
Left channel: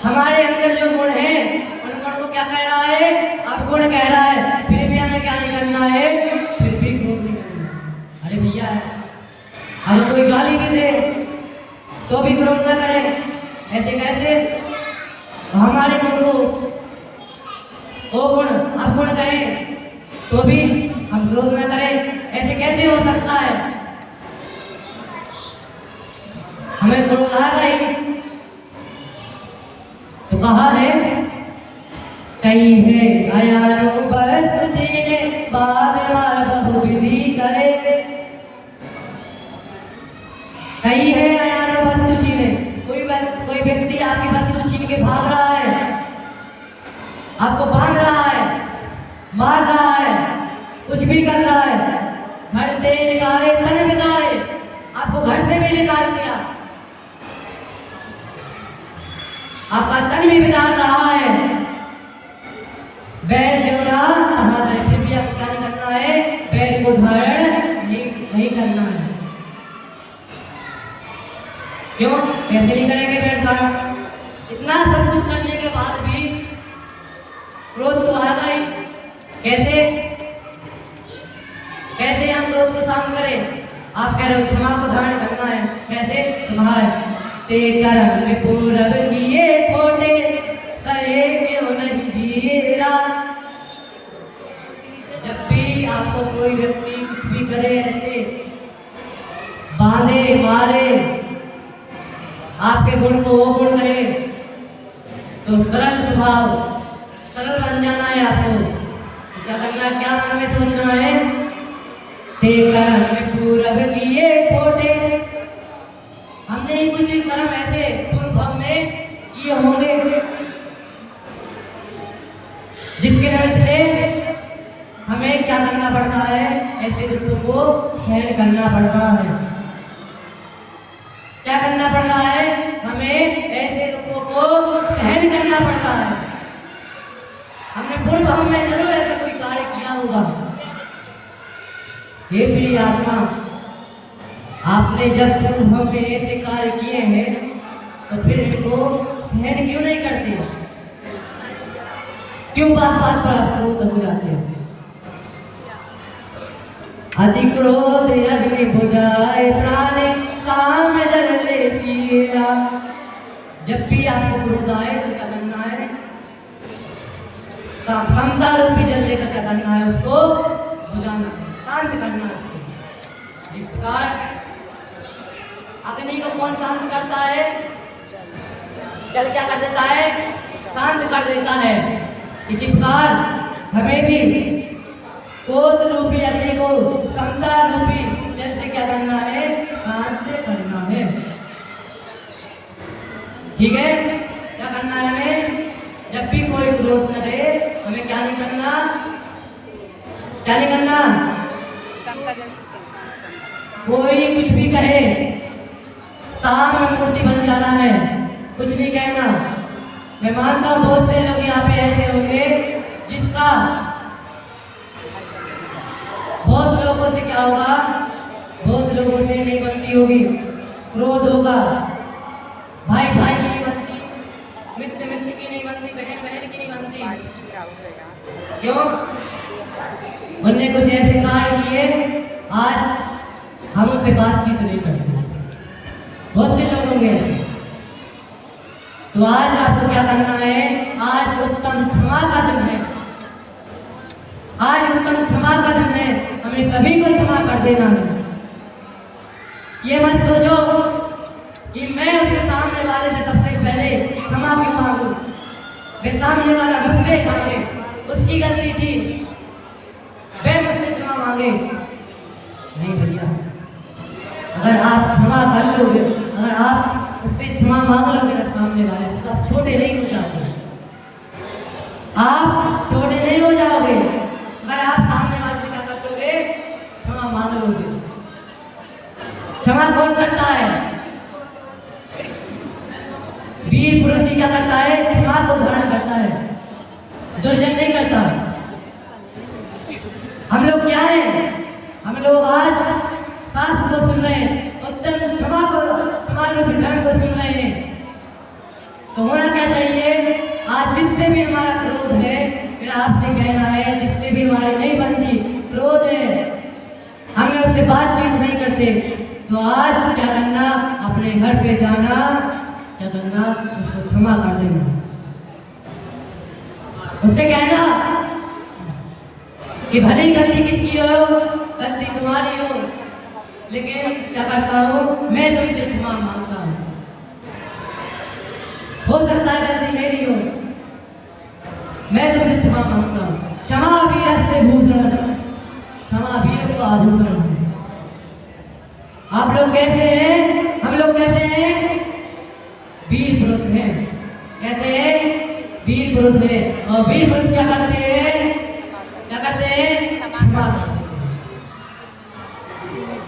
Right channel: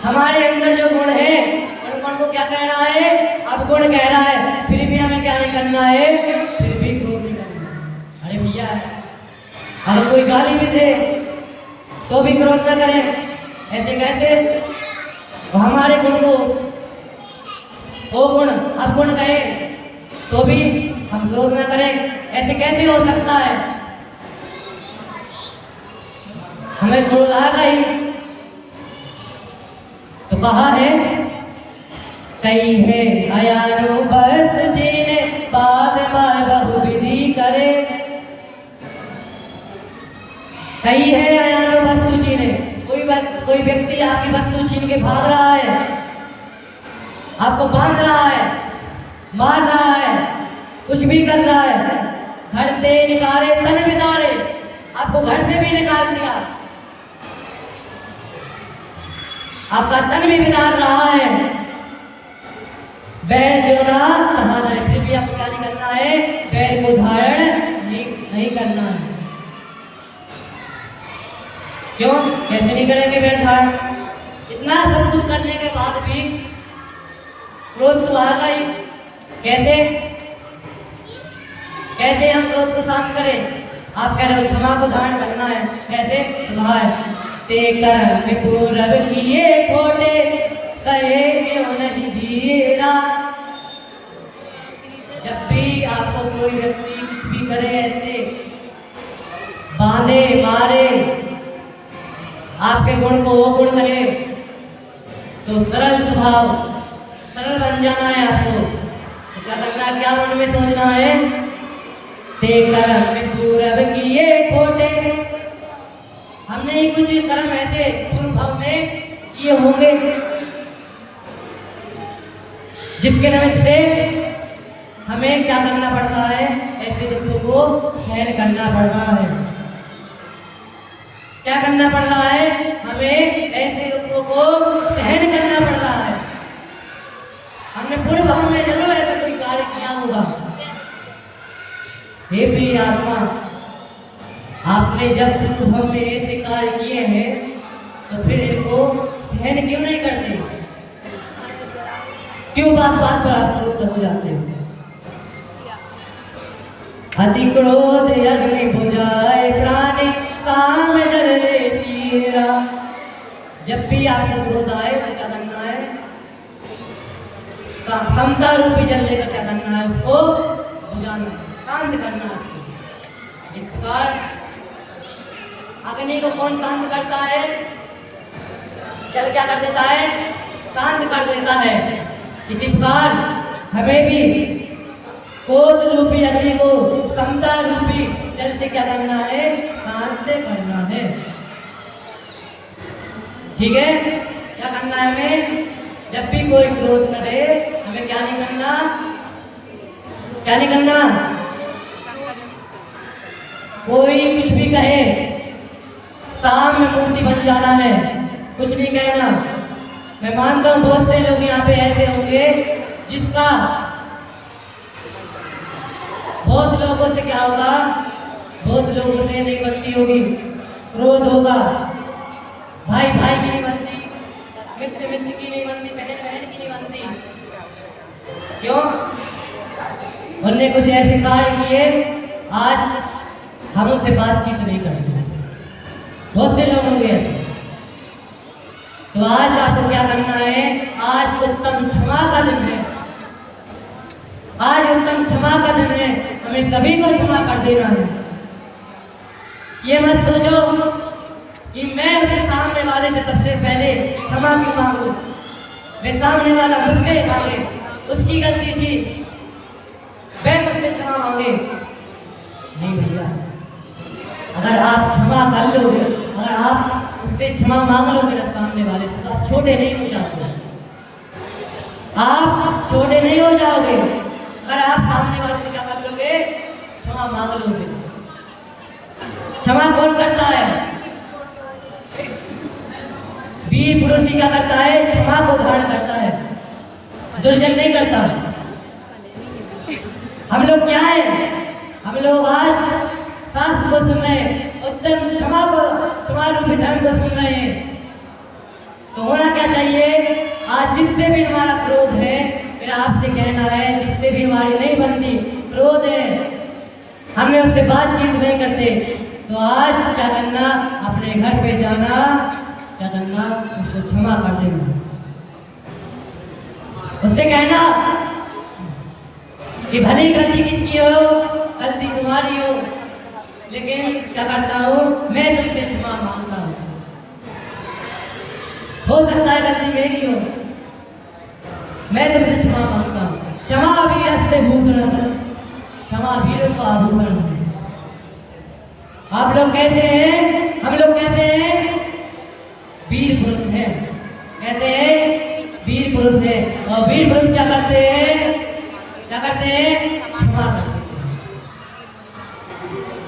हमारे अंदर जो गुण है उन गुण को क्या कह रहा है, अब गुण कह रहा है, फिर भी हमें क्या नहीं करना है, फिर भी क्रोध नहीं करना। अरे भैया अगर कोई गाली भी दे तो भी क्रोध न करें, ऐसे कैसे, हमारे गुण को वो गुण अब गुण कहे तो भी हम क्रोध न करें, ऐसे कैसे हो सकता है। हमें क्रोध आ गई तो कहा है, कई है अयानो बस तुझे बाद मार बहुविधि करे। कई है अयानो बस तुझे, कोई व्यक्ति आपकी वस्तु छीन के भाग रहा है, आपको बांध रहा है, मार रहा है, कुछ भी कर रहा है, घर से निकाले तन बितारे, आपको घर से भी निकाल दिया, आपका तन भी बितार रहा है, बैर जोड़ा कहा जाए, फिर भी आपको क्या नहीं करना है, बैर को धारण नहीं करना है। क्यों, कैसे नहीं करेंगे बैर धारण, इतना सब कुछ करने के बाद भी क्रोध तो आ गई। कैसे कैसे हम क्रोध को शांत करें, आप कह रहे हो क्षमा को धारण करना है, कैसे, ते कर्म में पूरब किए खोटे, करे क्यों नहीं जीरा। जब भी आपको कोई व्यक्ति कुछ भी करे, ऐसे बांधे मारे, आपके गुण को वो गुण कहे, तो सरल स्वभाव, सरल बन जाना है आपको। तो क्या करना है, क्या मन में सोचना है, ते कर्म में पूरब किए खोटे। हमने कुछ कर्म ऐसे पूर्व भाव में किए होंगे जिसके वजह से हमें क्या करना पड़ता है, ऐसे दुखों को सहन करना पड़ रहा है। क्या करना पड़ रहा है, हमें ऐसे दुखों को सहन करना पड़ रहा है। हमने पूर्व भाव में जरूर ऐसा कोई कार्य किया होगा। हे प्रिय आत्मा, आपने जब पूर्व भाव में ऐसे कार्य किए हैं तो फिर इनको सहन क्यों नहीं करते, क्यों बात बात पर आप क्रोध हो जाते हैं। अति क्रोध अग्नि बुझाए प्राणी, काम जल ले पीरा। जब भी आपको क्रोध आए तो क्या करना है, क्षमता रूपी जल लेकर क्या करना है, उसको बुझाना, शांत करना है उसको। इस प्रकार अग्नि को कौन शांत करता है? जल क्या कर देता है? शांत कर देता है। इसी प्रकार हमें भी क्रोध रूपी अग्नि को समता रूपी जल से क्या करना है? शांत करना है। ठीक है? क्या करना है हमें? जब भी कोई क्रोध करे हमें क्या नहीं करना? क्या नहीं करना? कोई कुछ भी कहे, सामने मूर्ति बन जाना है, कुछ नहीं कहना। मैं मानता हूँ बहुत से लोग यहाँ पे ऐसे होंगे जिसका बहुत लोगों से क्या होगा? बहुत लोगों से नहीं बनती होगी, क्रोध होगा। भाई भाई की नहीं बनती, मित्र मित्र की नहीं बनती, बहन बहन की नहीं बनती। क्यों? उनने कुछ ऐसे कार्य किए, आज हम उनसे बातचीत नहीं करते। बहुत से लोग होंगे। तो आज आपको क्या करना है? आज उत्तम क्षमा का दिन है। आज उत्तम क्षमा का दिन है, हमें सभी को क्षमा कर देना है। ये मत सोचो कि मैं उसके सामने वाले से सबसे पहले क्षमा क्यों मांगू, वे सामने वाला मुझसे मांगे, उसकी गलती थी, वे मुझसे क्षमा मांगे। नहीं भैया, अगर आप क्षमा कर लोगे, अगर आप उससे क्षमा मांग लोगे ना सामने वाले से, तो आप छोटे नहीं हो जाओगे। आप छोटे नहीं हो जाओगे अगर आप सामने वाले से क्या कर लोगे? क्षमा मांग लोगे। क्षमा कौन करता है? वीर पुरुष क्या करता है? क्षमा को धारण करता है, दुर्जन नहीं करता। हम लोग क्या है? हम लोग आज शास्त्र को सुन रहे हैं, उत्तम क्षमा रूपी धर्म को सुन रहे हैं। तो होना क्या चाहिए? आज जिससे भी हमारा क्रोध है, मेरा आपसे कहना है, जिससे भी हमारी नहीं बनती, क्रोध है, हमें उससे बातचीत नहीं करते, तो आज क्या करना? अपने घर पे जाना, क्या करना? उसको क्षमा कर देना। उससे कहना कि भले ही गलती किसकी हो, गलती तुम्हारी हो, लेकिन क्या करता हूँ मैं? तुमसे क्षमा मांगता हूँ। हो सकता है गलती मेरी हो, मैं तुमसे क्षमा मांगता हूँ। क्षमा वीरस्य भूषण, क्षमा वीरों का आभूषण है। आप लोग कैसे हैं? हम लोग कैसे हैं? वीर पुरुष हैं। कहते हैं वीर पुरुष है, और वीर पुरुष क्या करते हैं? क्या करते हैं? क्षमा करते हैं।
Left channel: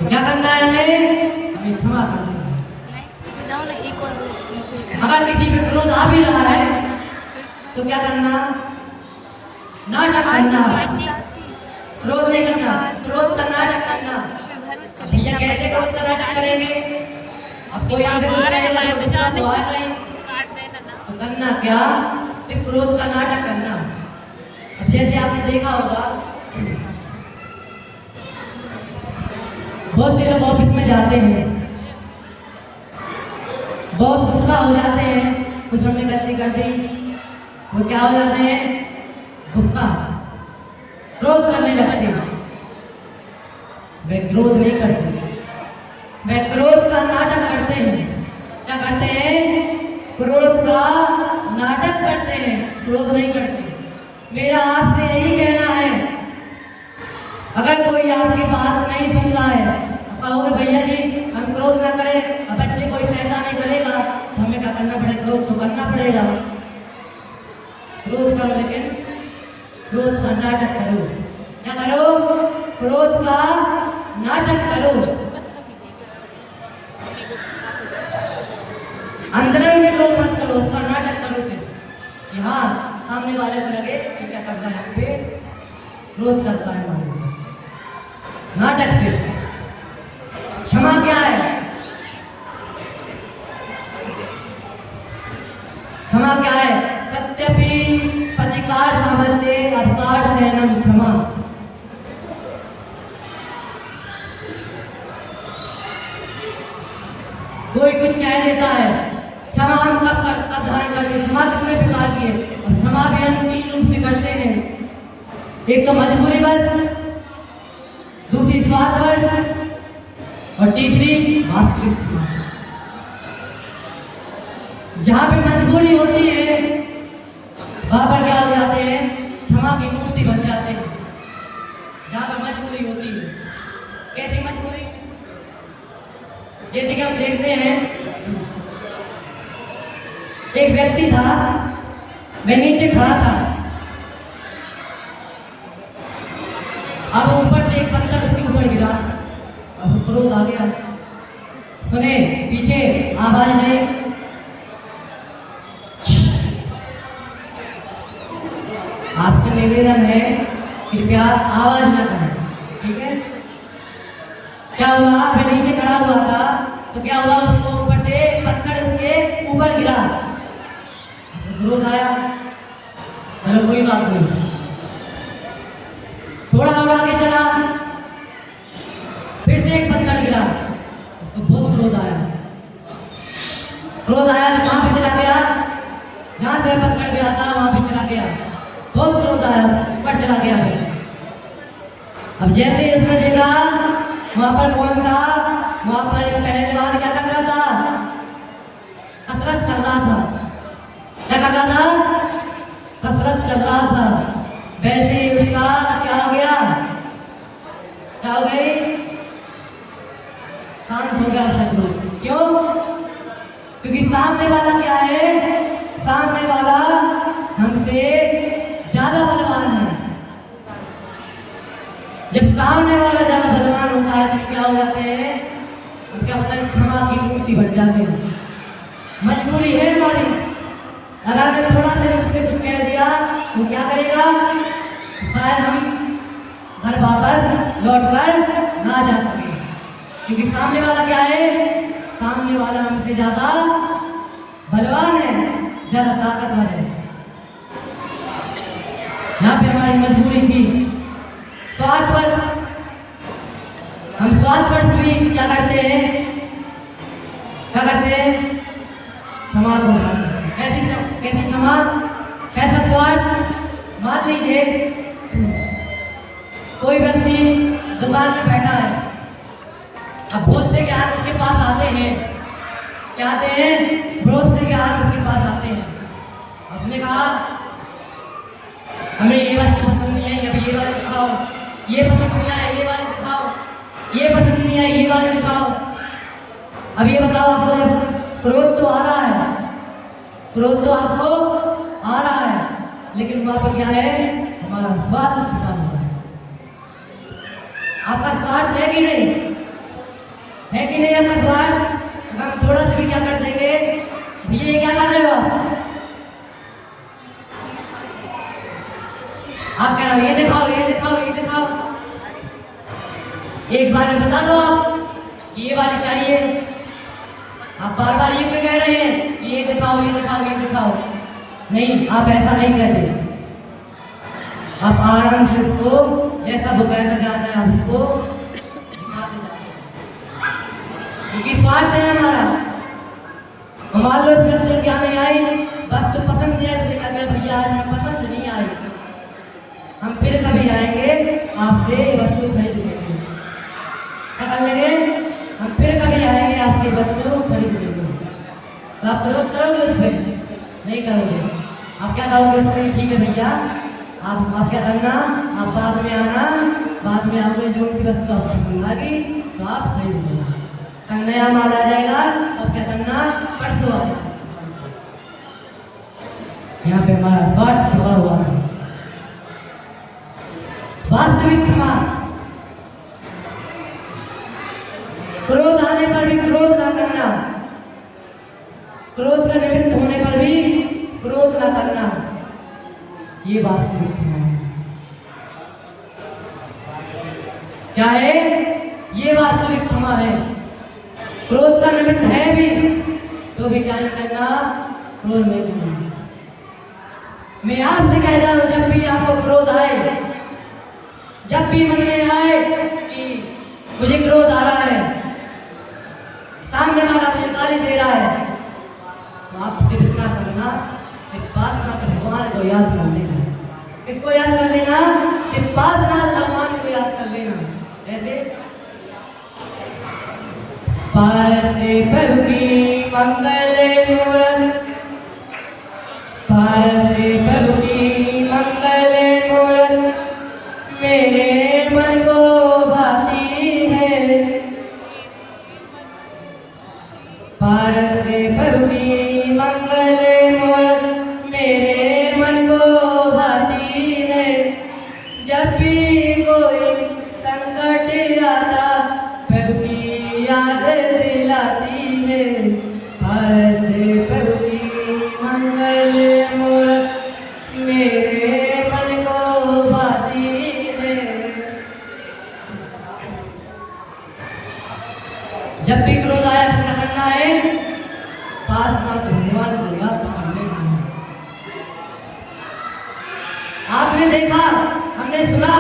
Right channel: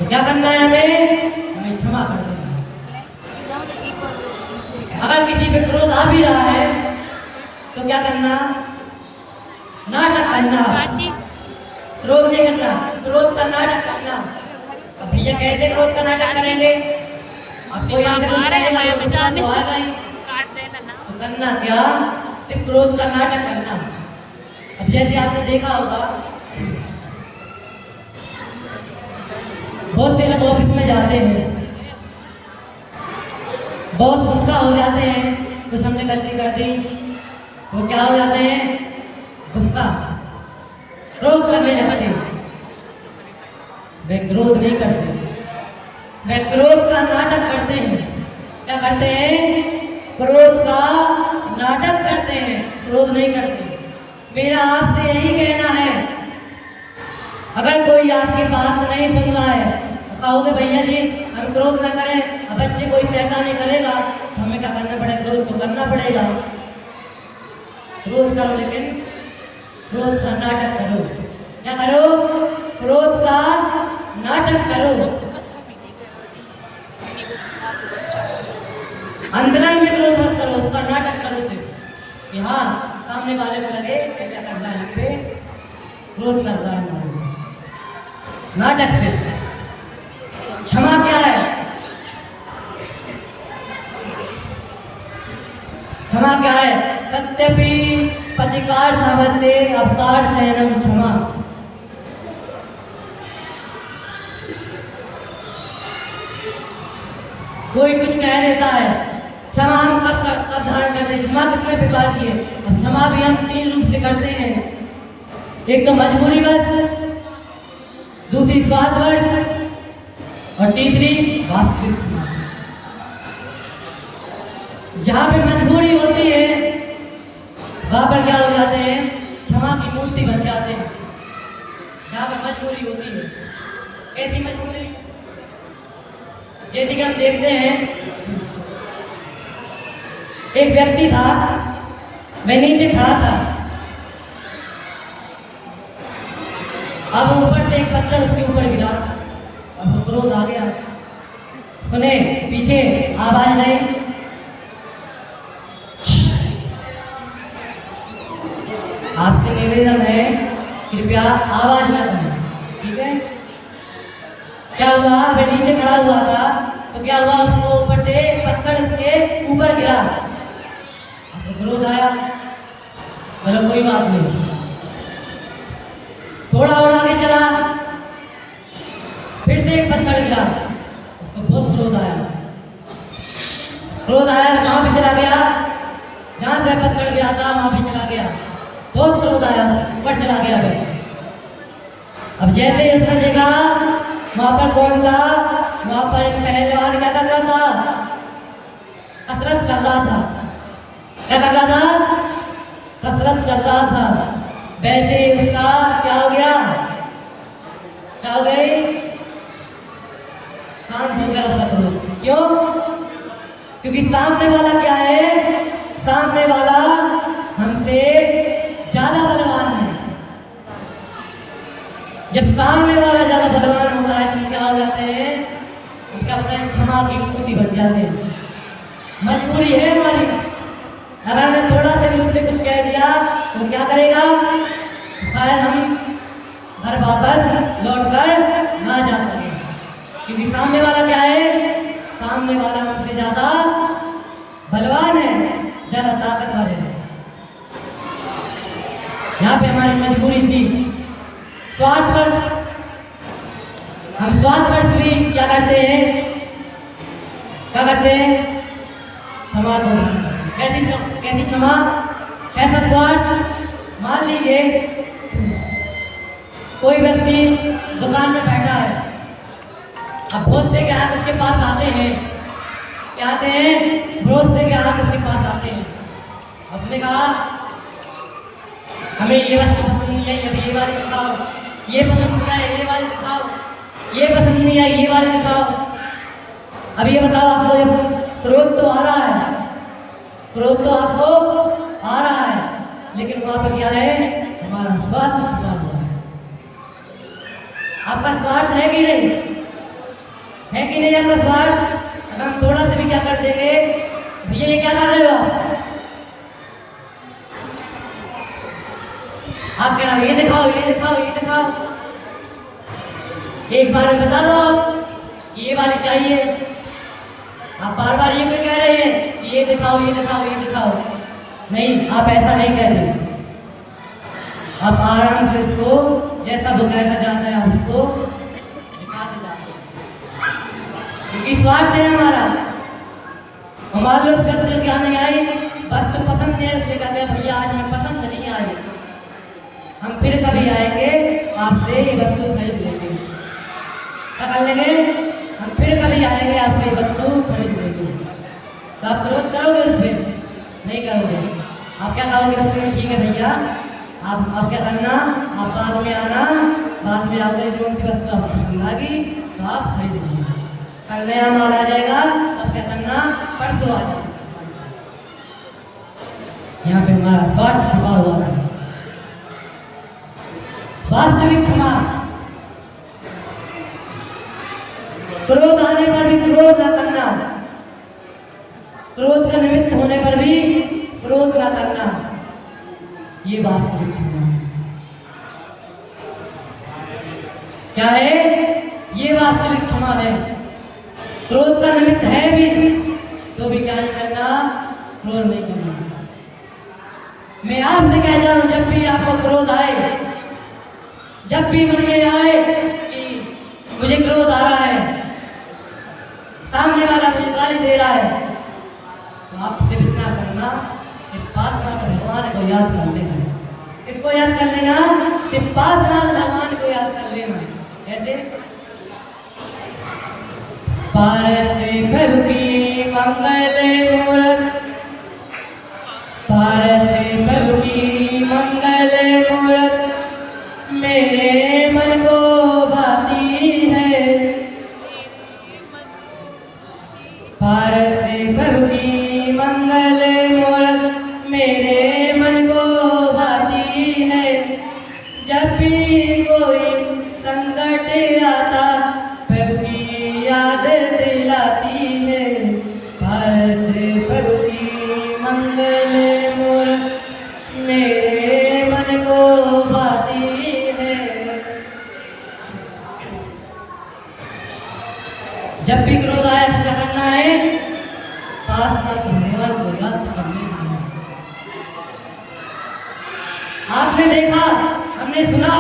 क्या करना है हमें क्षमा कर देना। अगर किसी पे क्रोध आ भी रहा है तो क्या करना? नाटक करना, क्रोध नहीं करना, क्रोध का नाटक करना। अब भैया कैसे क्रोध का नाटक करेंगे? अब कोई हमसे कुछ कहेगा तो गुस्सा तो आएगा ही। तो करना क्या? सिर्फ क्रोध का नाटक करना। अब जैसे आपने देखा होगा, बहुत से लोग ऑफिस में जाते हैं, बहुत गुस्सा हो जाते हैं, कुछ हमने गलती कर दी तो क्या हो जाते हैं? गुस्सा, क्रोध करने लगते हैं। वे क्रोध नहीं करते, वे क्रोध का नाटक करते हैं। क्या करते हैं? क्रोध का नाटक करते हैं, क्रोध नहीं करते। मेरा आपसे यही कहना है, अगर कोई आपकी बात नहीं सुन रहा है, कहोगे भैया जी हम क्रोध ना करें, अब बच्चे कोई शैतानी करेगा तो हमें क्या करना पड़ेगा? क्रोध तो करना पड़ेगा। क्रोध करो, लेकिन क्रोध का नाटक करो। क्या करो? क्रोध का नाटक करो। अंतरंग में क्रोध मत करो, उसका नाटक करो सिर्फ कि हाँ सामने वाले को लगे क्या कर रहा है, हम पे क्रोध करता है। नाटक से क्षमा क्या है? क्षमा क्या है? सत्यपि प्रतिकार सामर्थ्य अपकार सहनम क्षमा। कोई कुछ कह देता है, क्षमा हम कब धारण करते हैं? क्षमा कितने प्रकार की है? क्षमा भी हम 3 रूप से करते हैं। एक तो मजबूरी बस, दूसरी स्वार्थवश, और तीसरी वास्तविक क्षमा। जहाँ पे मजबूरी होती है वहाँ पर क्या हो जाते हैं, क्षमा की मूर्ति बन जाते हैं। जहाँ पे मजबूरी होती है, कैसी मजबूरी, जैसे कि हम देखते हैं एक व्यक्ति था, मैं नीचे खड़ा था, अब ऊपर से एक पत्थर उसके ऊपर गिरा, अब क्रोध आ गया। सुने पीछे आवाज नहीं, आपसे निवेदन है कृपया आवाज न करें, ठीक है। क्या हुआ, मैं नीचे खड़ा हुआ था तो क्या हुआ, उसको ऊपर से पत्थर उसके ऊपर गिरा, क्रोध आया। चलो कोई बात नहीं, थोड़ा और आगे चला, फिर से एक पत्थर गिरा, उसको बहुत क्रोध आया। क्रोध आया तो वहां पे चला गया, जहां से पत्थर गिरा था वहां पे चला गया, बहुत क्रोध आया, ऊपर चला गया। अब जैसे ही उसने देखा वहां पर कौन था, वहां पर एक पहलवान क्या कर रहा था, कसरत कर रहा था। क्या कर रहा था, कसरत कर रहा था। वैसे ही उसका क्या हो गया, क्या हो गई, शांत हो गया उसका क्रोध। क्यों, क्योंकि सामने वाला क्या है, सामने वाला हमसे ज्यादा बलवान है। जब सामने वाला ज्यादा बलवान होता है तो क्या हो जाते हैं, तो क्या होता है, क्षमा की मूर्ति बन जाते हैं। मजबूरी है हमारी, अगर मैं थोड़ा सा उससे कुछ कह दिया तो क्या करेगा, शायद हम घर वापस लौट कर ना जा सके, क्योंकि सामने वाला क्या है, सामने वाला हमसे ज्यादा बलवान है, ज्यादा ताकतवर है। यहाँ पे हमारी मजबूरी थी स्वार्थ पर, हम स्वार्थ पर भी क्या करते हैं, क्या करते हैं, क्षमा को। कैसी क्षमा, कैसा स्वार्थ। मान लीजिए कोई व्यक्ति दुकान में बैठा है, अब बहुत से ग्राहक उसके पास आते हैं, क्या आते हैं, बहुत से ग्राहक उसके पास आते हैं। उसने कहा हमें ये वस्तु पसंद नहीं है, अभी ये वाली दिखाओ, ये पसंद नहीं है ये वाली दिखाओ, ये पसंद नहीं है ये वाली दिखाओ। अब ये बताओ, आपको जब क्रोध तो आ रहा है, क्रोध तो आपको आ रहा है, लेकिन वहां पर क्या है, हमारा स्वार्थ छुपा हुआ है। आपका स्वार्थ है कि नहीं, है कि नहीं आपका स्वार्थ। अगर हम थोड़ा सा भी क्या कर देंगे, ये क्या कर रहे हो आप कह रहे हो ये दिखाओ ये दिखाओ ये दिखाओ, एक बार में बता दो आप ये वाली चाहिए, आप बार बार ये क्यों कह रहे हैं ये दिखाओ ये दिखाओ ये दिखाओ। नहीं, आप ऐसा नहीं कहते, आप आराम से उसको जैसा वो कहना चाहता है हम उसको दिखा देते, क्योंकि स्वार्थ है हमारा। हमारे उस व्यक्ति क्या नहीं आए, बस तो पसंद है इसलिए कहते हैं भैया आज में पसंद नहीं आए, हम फिर कभी आएंगे आपसे वस्तु खरीद लेंगे, क्या कर लेंगे, हम फिर कभी आएंगे आपसे वस्तु खरीद लेंगे। तो आप क्रोध करोगे उस पर, नहीं करोगे, आप क्या करोगे उस पर, ठीक है भैया आप क्या करना, आप बाद में आना, बाद में आपको जो सी वस्तु आपको पसंद आएगी तो आप खरीद लेंगे, कल नया माल आ जाएगा, अब क्या करना, परसों आ जाएगा। यहाँ पे हमारा स्वार्थ छिपा हुआ है। वास्तविक क्षमा, क्रोध आने पर भी क्रोध न करना, क्रोध का निमित्त होने पर भी क्रोध न करना, ये वास्तविक क्षमा है। क्या है, ये वास्तविक क्षमा है। क्रोध का निमित्त है भी तो भी क्या नहीं करना, क्रोध नहीं करना। मैं आपसे कहता हूं, जब भी आपको क्रोध आए, जब भी मन में आए कि मुझे क्रोध आ रहा है, सामने वाला मुझे गाली दे रहा है, तो आप सिर्फ इतना करना, सिर्फ पास भगवान को याद कर लेना। किसको याद कर लेना, सिर्फ पास भगवान को याद कर लेना। जैसे पारस प्रभु की मंगल मूरत भारत प्रभु की मंगल मूरत मेरे मन को भाती है। भारत प्रभु की मंगल मूरत मेरे मन को भाती है। जब भी कोई संकट आता प्रभु की याद दिलाती है। भारत प्रभु की मंगल मूरत मेरे मन को भाती है। जब भी क्रोध आया तो क्या करना है? पास में भगवान को याद करने है। आपने देखा, हमने सुना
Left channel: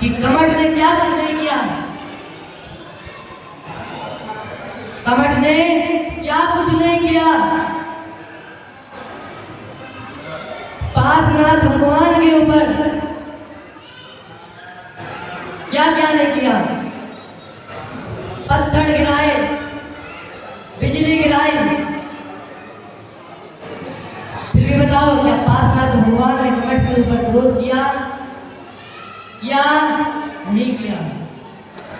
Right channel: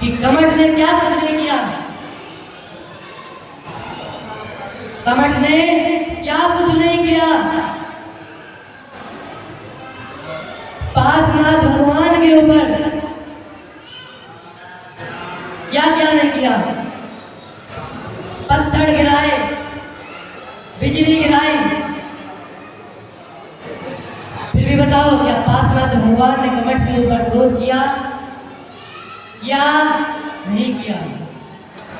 कि कमठ ने क्या कुछ नहीं किया। कमठ ने क्या कुछ नहीं किया। पार्श्वनाथ भगवान के ऊपर क्या क्या नहीं किया। पत्थर गिराए, बिजली गिराई, फिर भी बताओ क्या पार्श्वनाथ भगवान ने कमठ के ऊपर क्रोध किया या नहीं किया?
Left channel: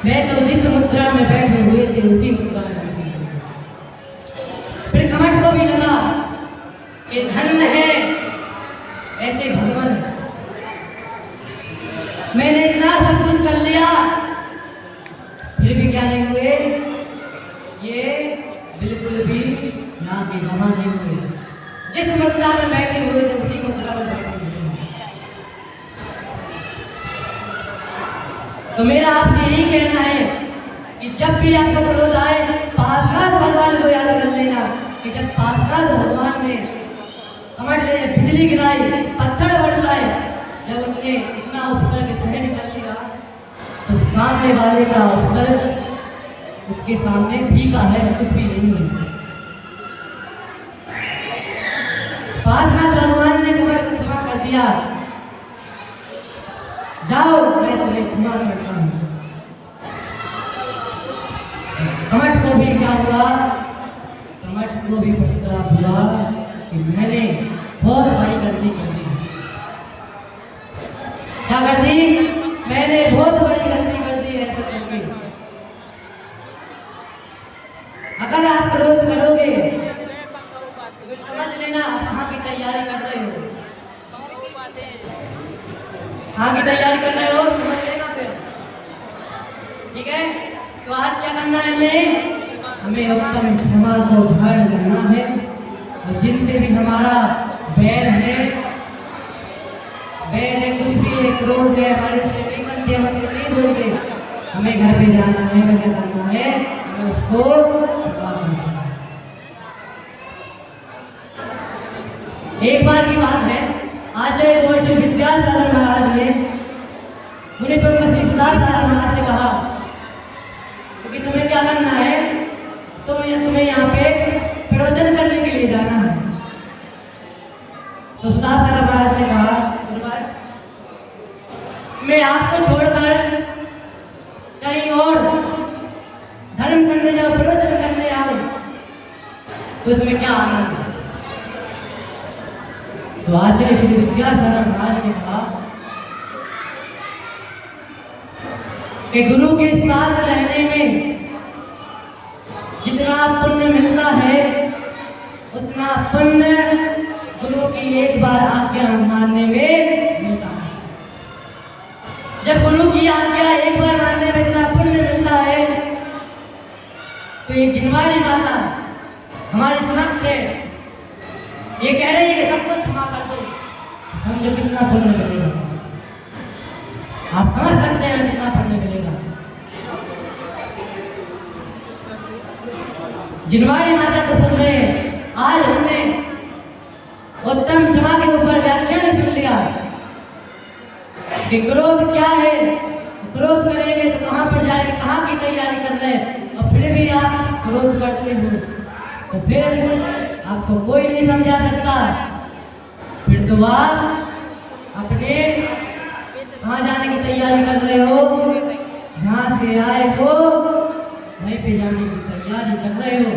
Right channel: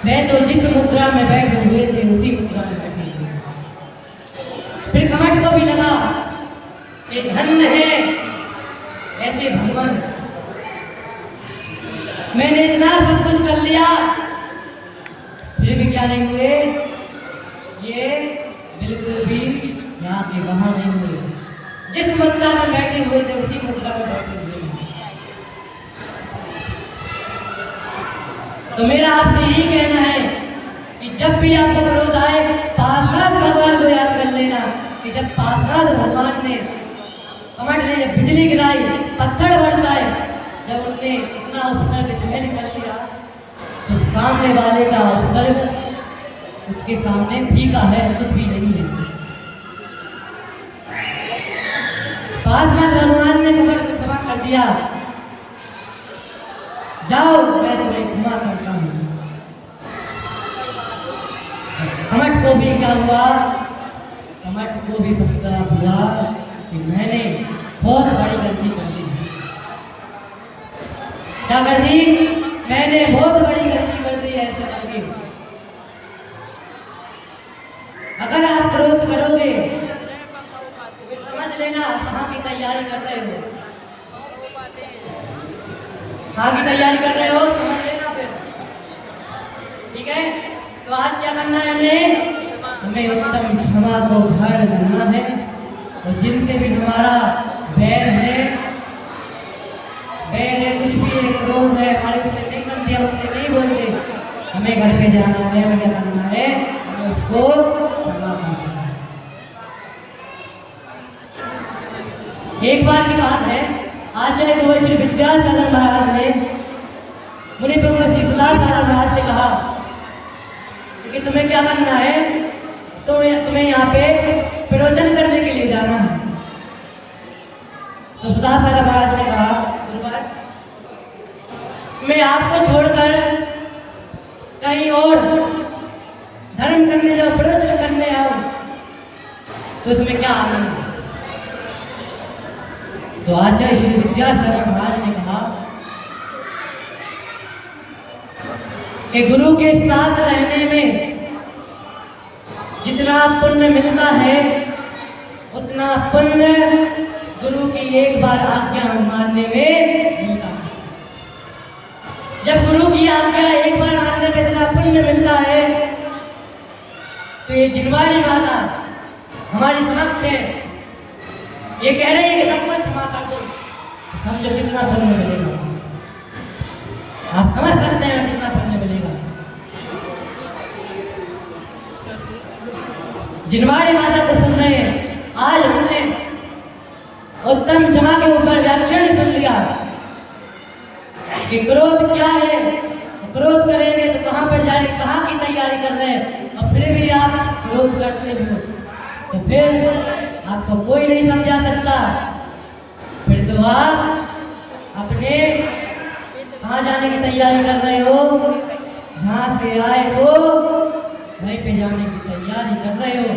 मैं तो जिस मुद्रा में बैठे हुए थे उसी मुद्रा में बैठे हुए। फिर कमठ को भी लगा कि धन्य है ऐसे भगवान, मैंने इतना सब कुछ कर लिया फिर भी क्या नहीं हुए। ये बिल्कुल भी यहाँ के वहां नहीं हुए। जिस मुद्रा में बैठे हुए थे उसी मुद्रा में बैठे हुए। तो मेरा आपसे यही कहना है कि जब भी आपको क्रोध आए पार्श्वनाथ भगवान को याद कर लेना कि जब पार्श्वनाथ भगवान ने कमठ ने बिजली गिराई, पत्थर बरसाए, जब उसने इतना उपसर्ग झेल कर लिया तो सामने वाले का उपसर्ग उसके सामने फीका है, कुछ भी नहीं है। पार्श्वनाथ भगवान ने कमठ को क्षमा कर दिया। जाओ मैं तुम्हें क्षमा करता हूँ। कमठ को भी क्या हुआ? कमठ को भी पछतावा हुआ कि मैंने बहुत बड़ी गलती कर दी। क्या कर दी? मैंने बहुत बड़ी गलती कर दी ऐसा करके। अगर आप क्रोध करोगे तो समझ लेना कहाँ की तैयारी कर रहे हो। कहाँ की तैयारी कर रहे हो समझ लेना फिर, ठीक है? तो आज क्या करना है? हमें उत्तम क्षमा को धारण करना है और जिनसे भी हमारा बैर है, कुछ भी क्रोध है हमारे से नहीं बनते, उससे नहीं बोलते, हमें घर पे जाना है, हमें क्या करना है? हमें उसको क्षमा करना है। एक बार की बात है, आचार्य महर्षि विद्यासागर महाराज ने मुनि प्रमुख श्री सुदासागर महाराज से कहा कि तुम्हें क्या करना है? तुम्हें यहाँ पे प्रवचन करने के लिए जाना है। तो सुदासागर महाराज ने कहा मैं आपको छोड़कर कहीं और धर्म करने जाऊं, प्रवचन करने जाऊं तो इसमें क्या आनंद है? तो आचार्य श्री विद्यासागर महाराज ने कहा कि गुरु के साथ रहने में जितना पुण्य मिलता है उतना पुण्य गुरु की एक बार आज्ञा मानने में मिलता है। जब गुरु की आज्ञा एक बार मानने में इतना पुण्य मिलता है तो ये जिनवाड़ी माता हमारे समक्ष है, ये कह रही है कि सबको क्षमा कर दो। समझो कितना पुण्य मिलेगा, आप समझ सकते हैं कितना पुण्य मिलेगा। जिनवाड़ी माता को सुन रहे हैं। आज हमने उत्तम क्षमा के ऊपर व्याख्यान सुन लिया कि क्रोध क्या है, क्रोध करेंगे तो कहाँ पर जाए, कहाँ की तैयारी कर रहे हैं, और फिर भी आप क्रोध करते हो तो फिर आपको कोई नहीं समझा सकता। फिर तो आप अपने कहाँ जाने की तैयारी कर रहे हो? जहाँ से आए हो वहीं पे जाने की तैयारी कर रहे हो।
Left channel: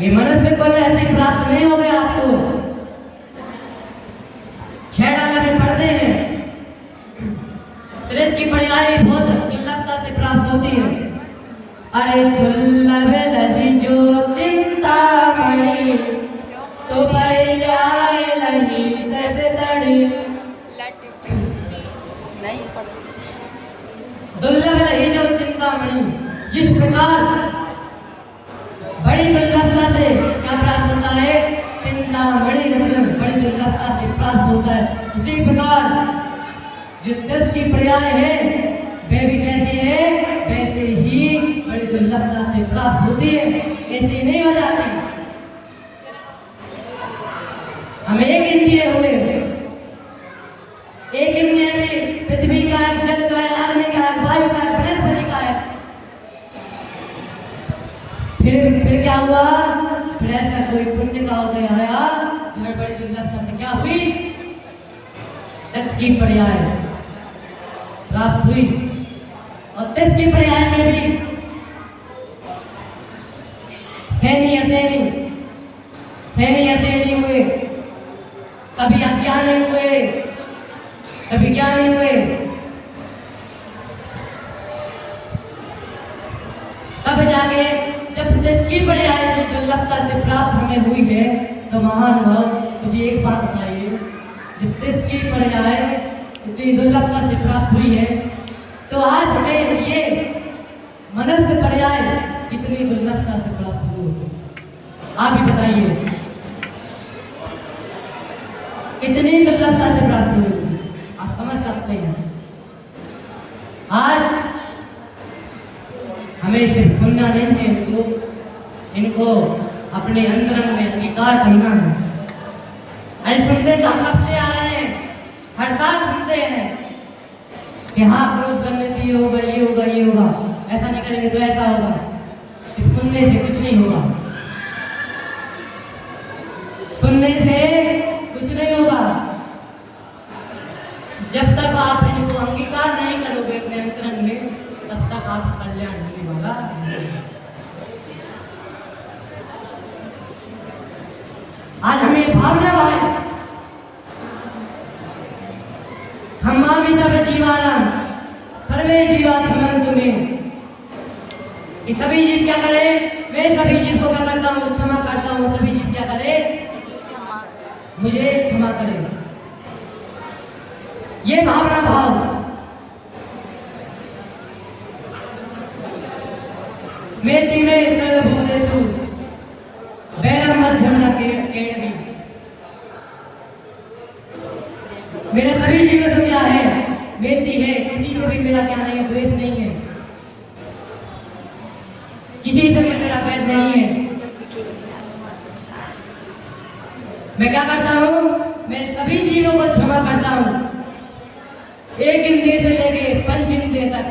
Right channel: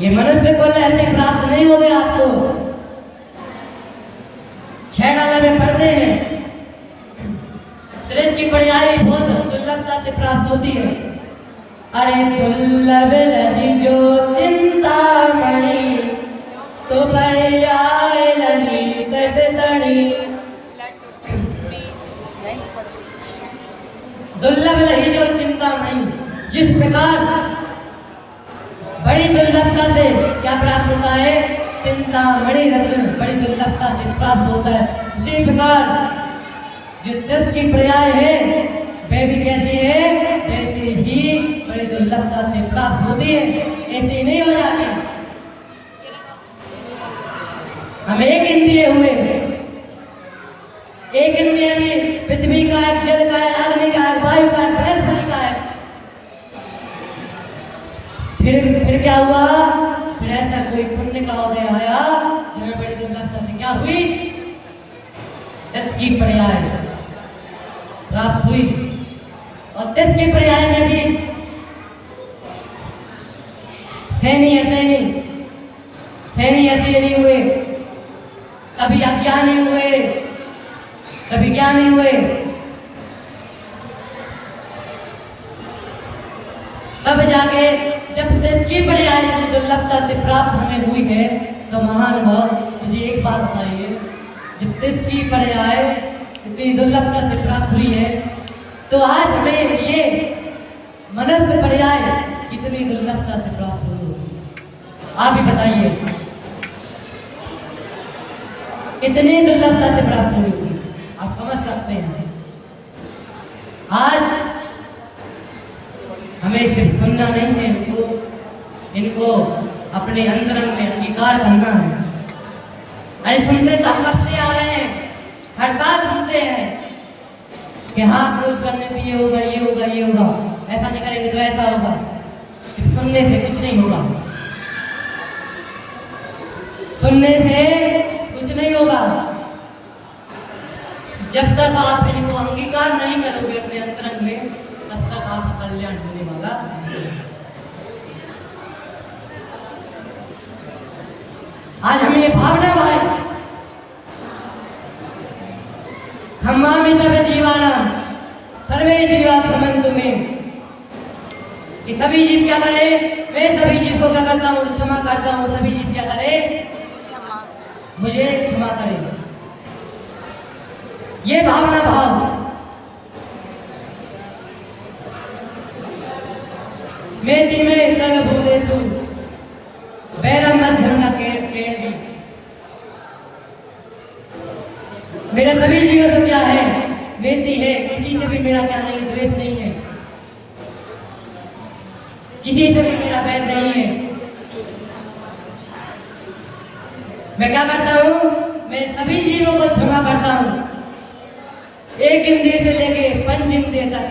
ये मनुष्य कुल ऐसे प्राप्त नहीं हो गए आपको। 6 डाला में पढ़ते हैं, त्रिश की पर्याय बहुत दुर्लभता से प्राप्त होती है। अरे दुर्लभ लगी जो चिंतामणि, तो पर्याय लगी दस तड़ी। दुर्लभ लगी जो चिंतामणि, जिस प्रकार बड़ी दुर्लभता से क्या प्राप्त होता है, चिंतामणि रत्न बड़ी दुर्लभता से प्राप्त होता है। उसी प्रकार जो दस की पर्याय है वह भी कैसी है, वैसे ही बड़ी दुर्लभता से प्राप्त होती है, ऐसे नहीं हो जाती। हम एक इंद्रिय हुए, एक इंद्रिय में पृथ्वी का है, जल का है, अग्नि का है, वायु का है, बृहस्पति का है। फिर क्या हुआ, फिर ऐसा कोई पुण्य का उदय आया जिसमें बड़ी दुर्लभता से क्या हुई, 10 की पर्याय प्राप्त हुई। और 10 की पर्याय में भी सैनी असेनी हुए, कभी अज्ञानी हुए, कभी ज्ञानी हुए। तब जाके जब 10 की पर्याय दुर्लभता से प्राप्त हमें हुई है, तो महानुभाव मुझे एक बात बताइए, जब 10 की पर्याय इतनी दुर्लभता से प्राप्त हुई है, तो आज हमें ये मनुष्य पर्याय कितनी दुर्लभता से प्राप्त हुई होगी, आप ही बताइए, कितनी दुर्लभता से प्राप्त हुई होगी, आप समझ सकते हैं। आज हमें सिर्फ सुनना नहीं है, इनको अपने अंदर में अंगीकार करना है। अरे सुनते तो हम कब से आ रहे हैं, हर साल सुनते हैं कि हाँ क्रोध करने से ये होगा, ये होगा, ये होगा, ऐसा नहीं करेंगे तो ऐसा होगा। सिर्फ सुनने से कुछ नहीं होगा, सुनने से कुछ नहीं होगा। जब तक आप इनको अंगीकार नहीं करोगे अपने अंतरंग में, तब तक आपका कल्याण होने वाला नहीं। आज हमें ये भावना भाई, खम्मामि सब जीवानां सर्वे जीवा भ्रमन्तु मे, कि सभी जीव क्या करें, मैं सभी जीव को क्या करता हूँ, क्षमा करता हूँ। सभी जीव क्या करें, मुझे क्षमा करें। ये भावना भाव मेति में सर्वभूतेषु वैरम मध्यम रखे। मेरा सभी जीवों से क्या है, मेति है, किसी से भी मेरा क्या नहीं है, द्वेष नहीं है, किसी से भी मेरा वैर नहीं है। मैं क्या करता हूँ, मैं सभी जीवों को क्षमा करता हूँ, एक इंद्रिय से लेके 5 इंद्रिय तक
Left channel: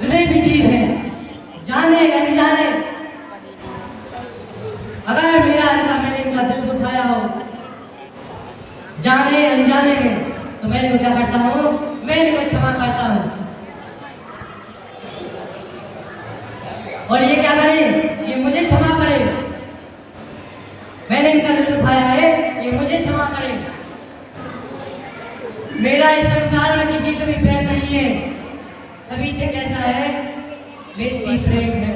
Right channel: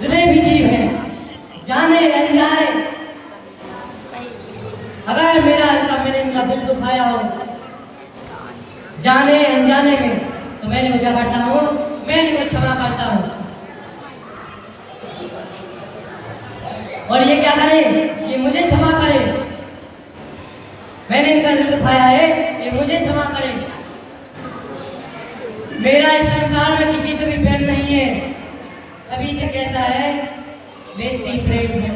जितने भी जीव हैं, जाने अनजाने, अगर मैंने इनका दिल दुखाया हो जाने अनजाने में, तो मैंने वो क्या करता हूँ, मैं इनको क्षमा करता हूँ। और ये क्या करें, ये मुझे क्षमा करें। मैंने इनका दिल दुखाया है, ये मुझे क्षमा करें। मेरा इस संसार में किसी से भी प्रेम नहीं है, सभी से कैसा है, मेरी प्रेम है।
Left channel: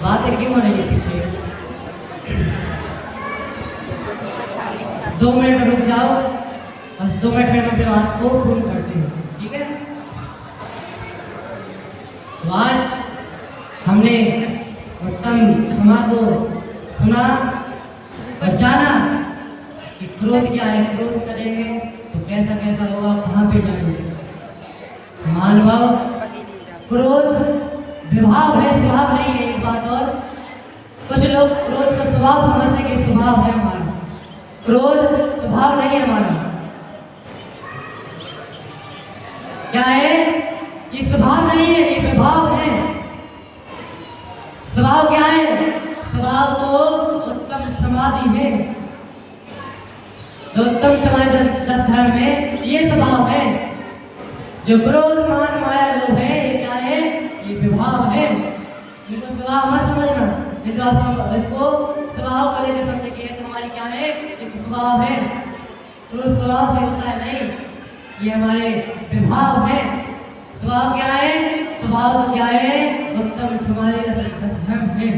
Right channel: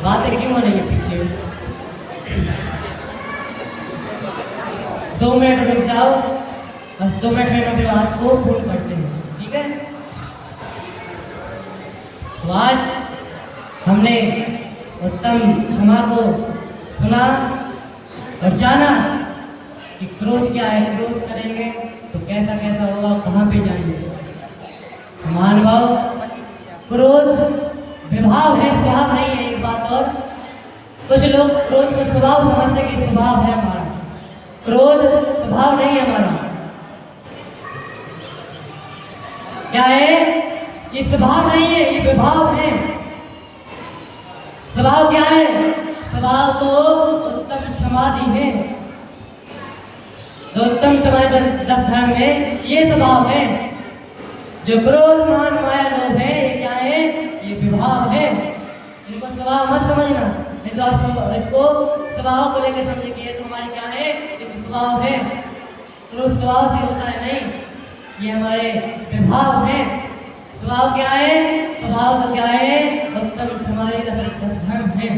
बातें क्यों हो रही है पीछे, 2 मिनट रुक जाओ, बस 2 मिनट में अपने बात को पूर्ण करते हैं, ठीक है। तो आज हमने उत्तम क्षमा को सुना और जाना कि क्रोध क्या है, क्रोध करेंगे तो कैसा कैसा होगा, कहाँ पे जाएंगे। महानुभाव, क्रोध विभाव है, स्वभाव नहीं है, एक बात और। कुछ लोग क्रोध को स्वभाव समझते कि स्वभाव है हमारा, क्रोध स्वभाव नहीं है हमारा। क्या है, ये स्वभाव नहीं है, ये विभाव है। स्वभाव क्या है, स्वभाव तो उत्तम क्षमादि है, तो उत्तम क्षमा धर्म में ये स्वभाव है। जो क्रोध मान माया लोभ है, ये क्या है? ये विभाव है। इनको स्वभाव मत समझना, नहीं तो आप इसको स्वभाव को लेकर समझे कि ये तो हमारी क्या है? ये तो स्वभाव है। तो स्वभाव से होता है नहीं, ये हमारे विभाव है। स्वभाव क्या है? स्वभाव तो क्या है? उत्तम क्षमारी धर्म है।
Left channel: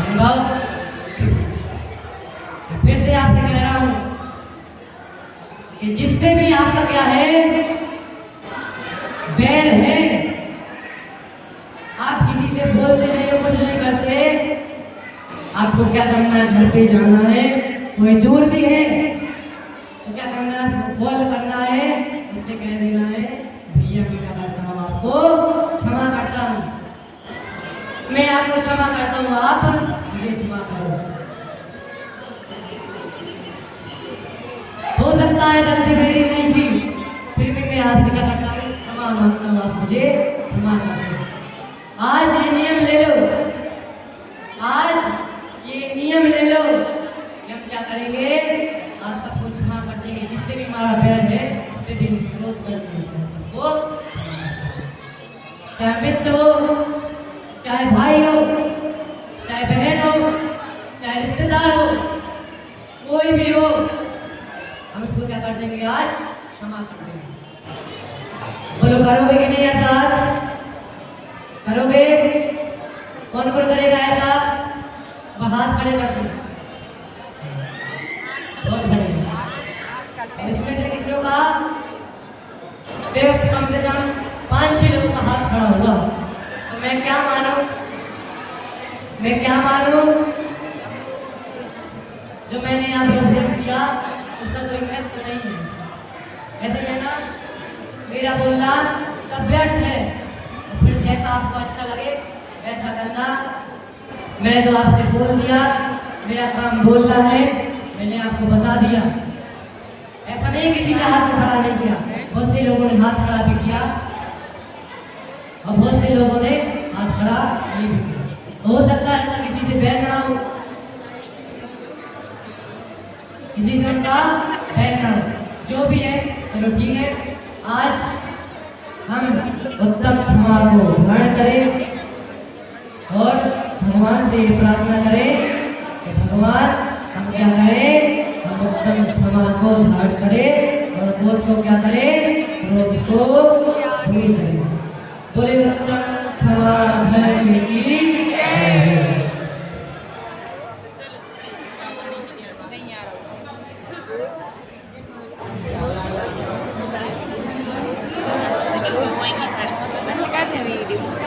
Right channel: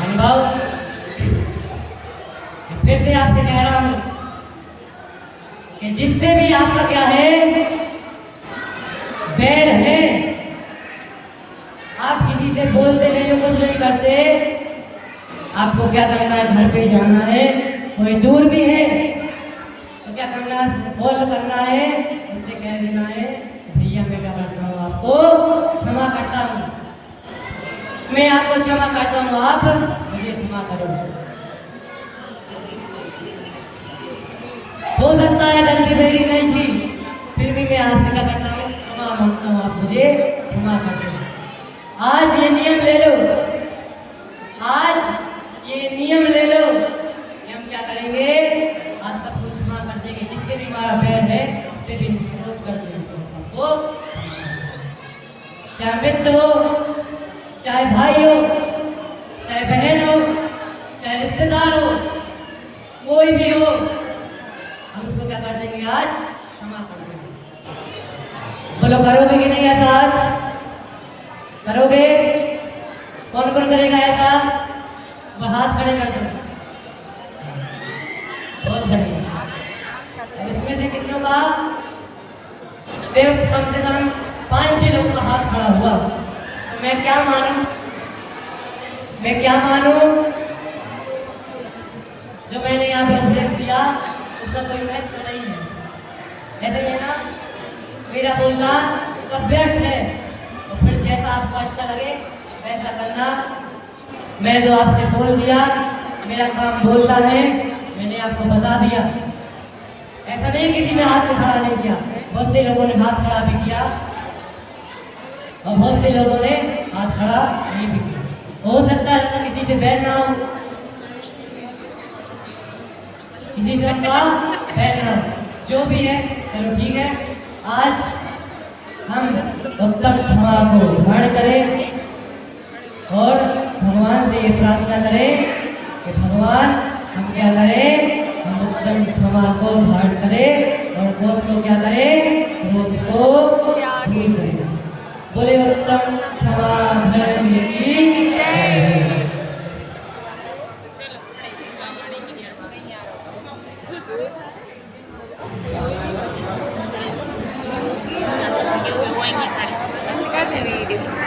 अनुभव फिर से आपसे कह रहा हूं कि जिससे भी आपका क्या है? बैर है। आप किसी से बोलते नहीं हो, कुछ नहीं करते, आपको क्या करना है? घर पे जाना है, कोई दूर भी है तो क्या करना है? कॉल करना है, उससे कह देना है भैया मैं क्या करता हूँ, आपको क्षमा करता हूँ, मैं आपको क्षमा करता हूँ, आप मुझे क्षमा करो। हो सकता है गलती मेरी नहीं थी, फिर भी मैं आपसे क्या करता हूँ? क्षमा मांगता हूँ, आप मुझे क्षमा कर दो। आज ये नियम ले लो, आज ये नियम ले लो कि हम क्या करेंगे? आज सबको क्षमा कर देंगे। जिससे भी हमारा बैर है उससे भी विरोध कर देंगे। वो चाहे मित्र हो, चाहे भाई हो, चाहे बहन हो, चाहे रिश्तेदार हो, कोई भी हो, हम उसको क्या कर देंगे? आज क्षमा कर देंगे। बोलो करोगे कि नहीं ऐसा? आज करोगे? कौन कौन करेगा ऐसा? अब हाथ खड़े कर दो। बहुत बढ़िया। इसमें से कितनों का? सिर्फ कम से कम 5-6 लोगों का हाथ खड़ा हुआ। तो मैं क्या मानूं? मैं क्या मानूं? जो मैंने यहाँ पर उपदेश दिया उसका कोई महत्व नहीं है। ऐसे है ना, मेरा बोलना सब व्यर्थ है। तो फिर जैसा आपको अच्छा लगे वैसा करना। मैं तो आपसे बोल दिया, मेरा काम बोलना है, मैंने आपको बता दिया। ऐसा नहीं किसी ने हाथ खड़ा नहीं किया, बहुत से लोगों ने हाथ खड़ा भी किया और बहुत से लोगों ने हाथ खड़ा नहीं भी किया। हो सकता है तो किसी से बैठ ना हो, किसी से का बैठ ना हो, जो भी है चलो ठीक है। आज हम उत्तम क्षमा को धारण करें और भगवान से ये प्रार्थना करें कि भगवान हम क्या करें? हम उत्तम क्षमा को धारण करें और क्रोध को क्या करें? क्रोध को दूर करें। बोले उत्तम क्षमा धर्म की जय। बंद कर दे वीडियो।